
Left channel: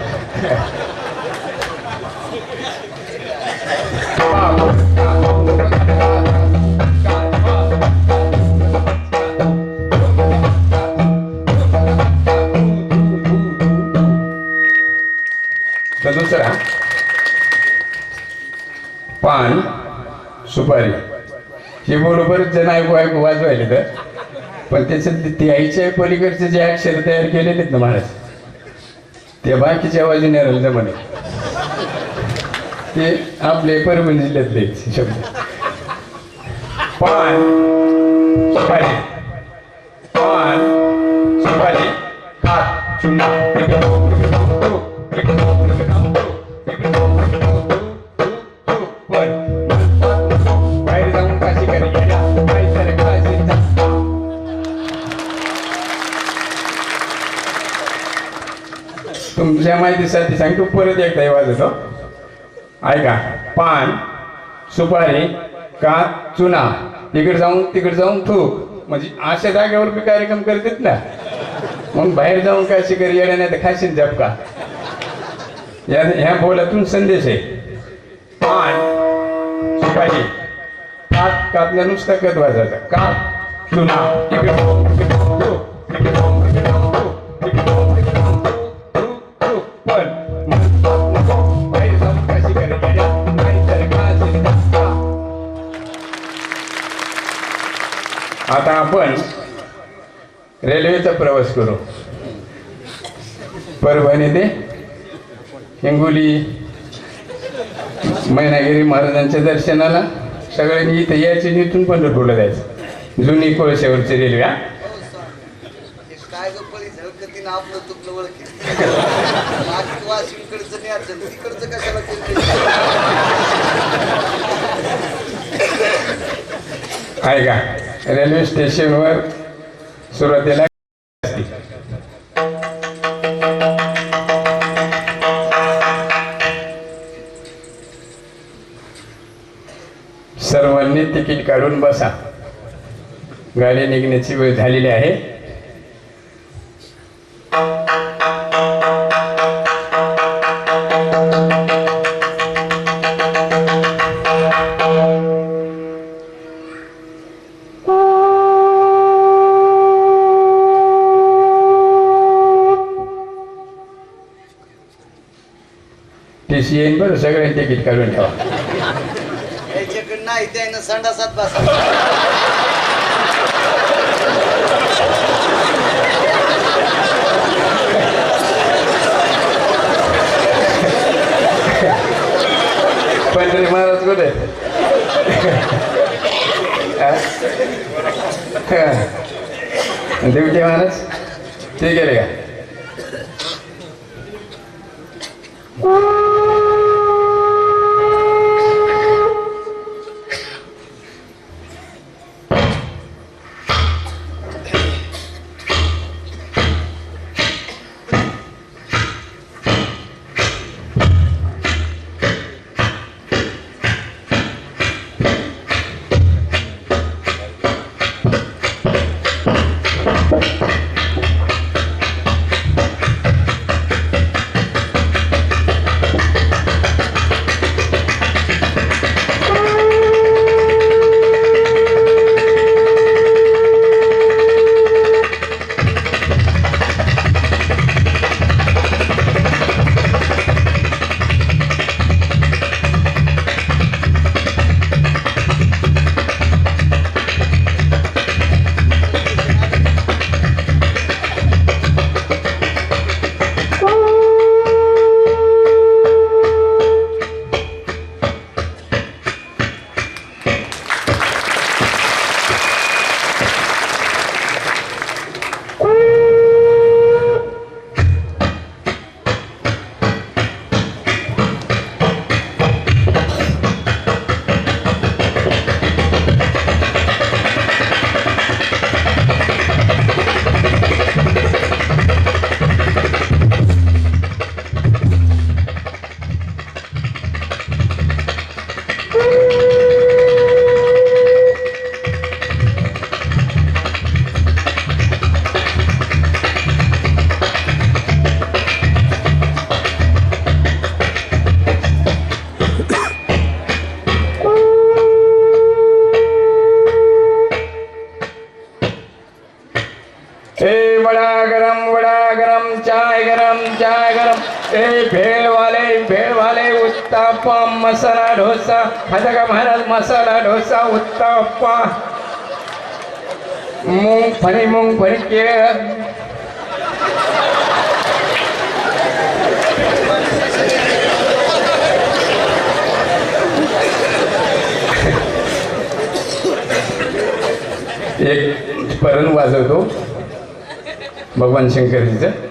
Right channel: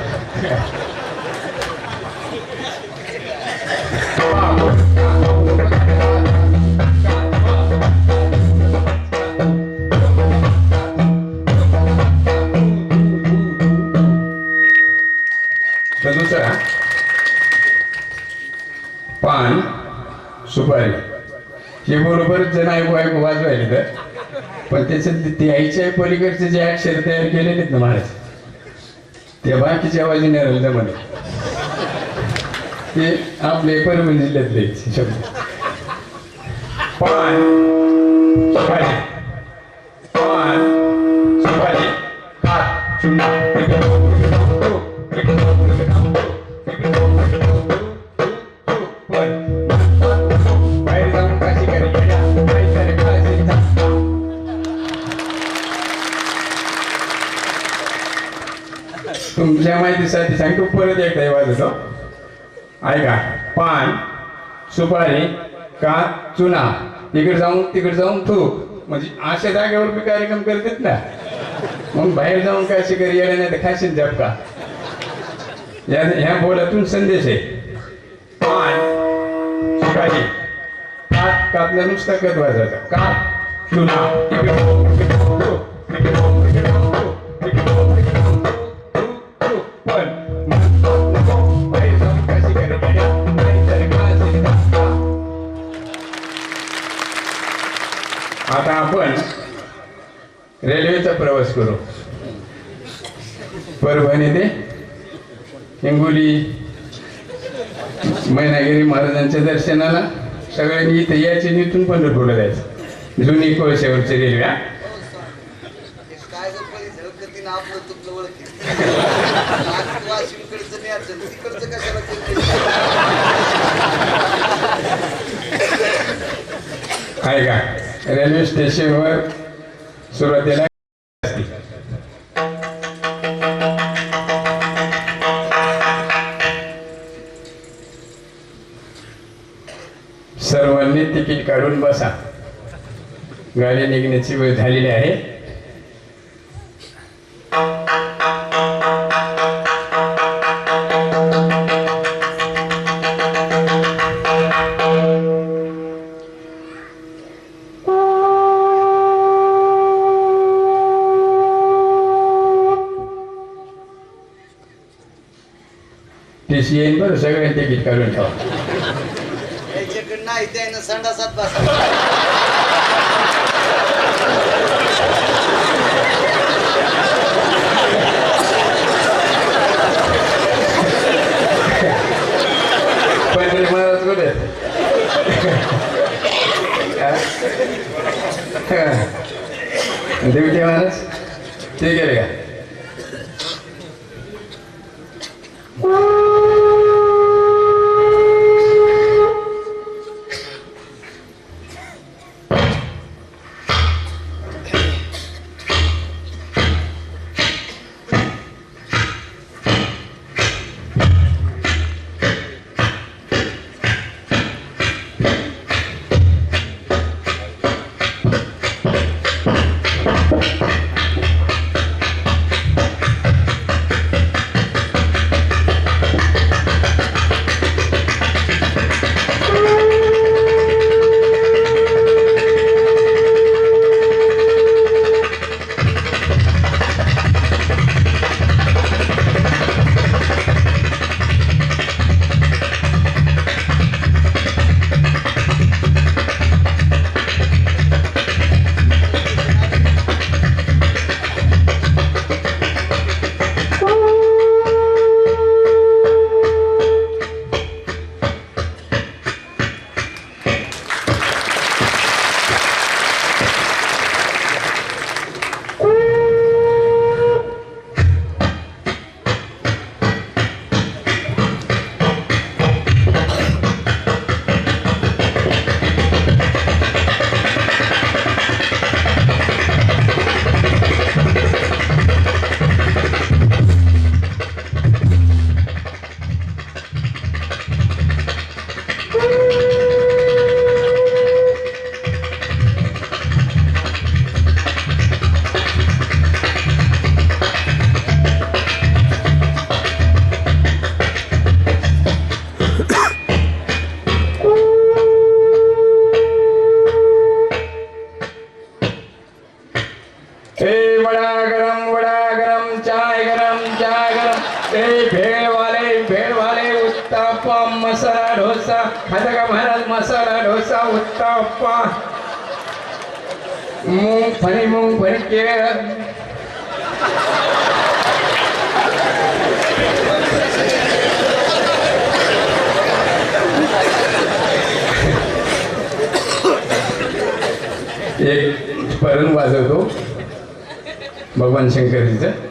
तर दुसरा पान सुपारी हे बरोबर जण ऐकू ऐकू वाजवायले तर, पण त्याच्यात ते आईच्या पलीकडचे जे अक्षर तयार केलेले आहेत ना महाराज, ते बाकीच्या आवाजी नाही जमाने, ते आपले परभणी जिल्ह्यातले शब्द. पान सुपारी, पान सुपारी हात चुना तुमच्या माहितीसाठी सांगतो. परत एकदा वाजवतो ऐका. पान सुपारी का चुना, तिकडे जाऊन थूक, म्हणजे अशा जागेवर मी कार्यक्रम करतात ना, मग बाहेर जाऊन काय शिकारी येण्या नाही तर खाशील झपका. ह्या बोलातून संदेश आहे. पान सुपारी हात कापला नुसता कत वाजायचा का चुना आता आपण रेल्वेचा प्रवास करू. परभणी ते हिंगोली मैनागिरी महाराजांच्या दर्शनाला सगळ्यांनी इथं यायचे आणि इथून पंढरपूरला जायचं. जुनी कोळशावरची रेल्वे. काय गप्पा झळकतीनं आपलं तुपलं ओळखी वाशिमकडचं नाही अडचण तिकडचं कशाला आहे का रेल्वे स्टेशनवर सुरुवातीला असते. सर्वांनी तिकीट काढून बसा. गाडी निघण्याची वेळ झालेली आहे. टीसी येईन बरं, सगळ्यांनी तिकीट काढून ठेवा. याच्याकडे नाही त्यानं संडासात बसा. पंढरी महाराज कुठे? देवटे महाराज ते गेले का? भेळ वाले उत्तप्पा मसाला डोसा. खाता का महाराज मसाला डोसा उत्तप्पा मूंगफली केळ. एक स्मरण वाजवतो भगवान शंकरजीचं.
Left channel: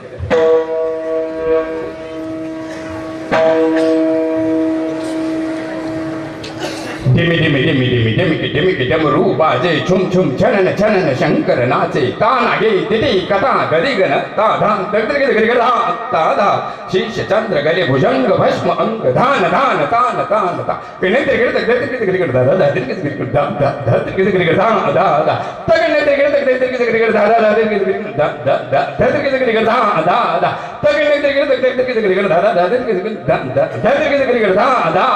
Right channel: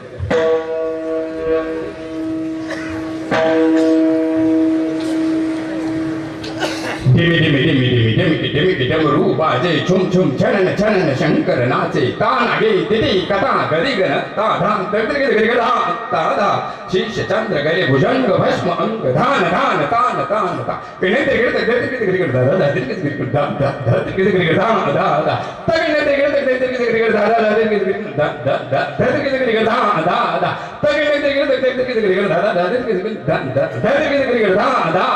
धिमी धिमी धिमी धिमी धिमी धिमी डमरू बाजे छुम छुम छनन छनन शंकर नाचे. ताना गे तिथी कथा गदी गण ताधा धा ताधा शीश चंद्र गले भुजंग भस्म अंग धान धान तान तान ता. पिणे तिकडे तिकडे तिकडे दादा दादा तिकडे तिकडे दादा दादा तिकडे तिकडे दादा दादा तगणे तिकडे तिकडे तिकडे दादा दादा तिकडे दादा दादा तिकडे तिकडे दादा दादा तगणे तिकडे तिकडे तिकडे दादा दादा तिकडे दादा दादा तिकडे तिकडे दादा.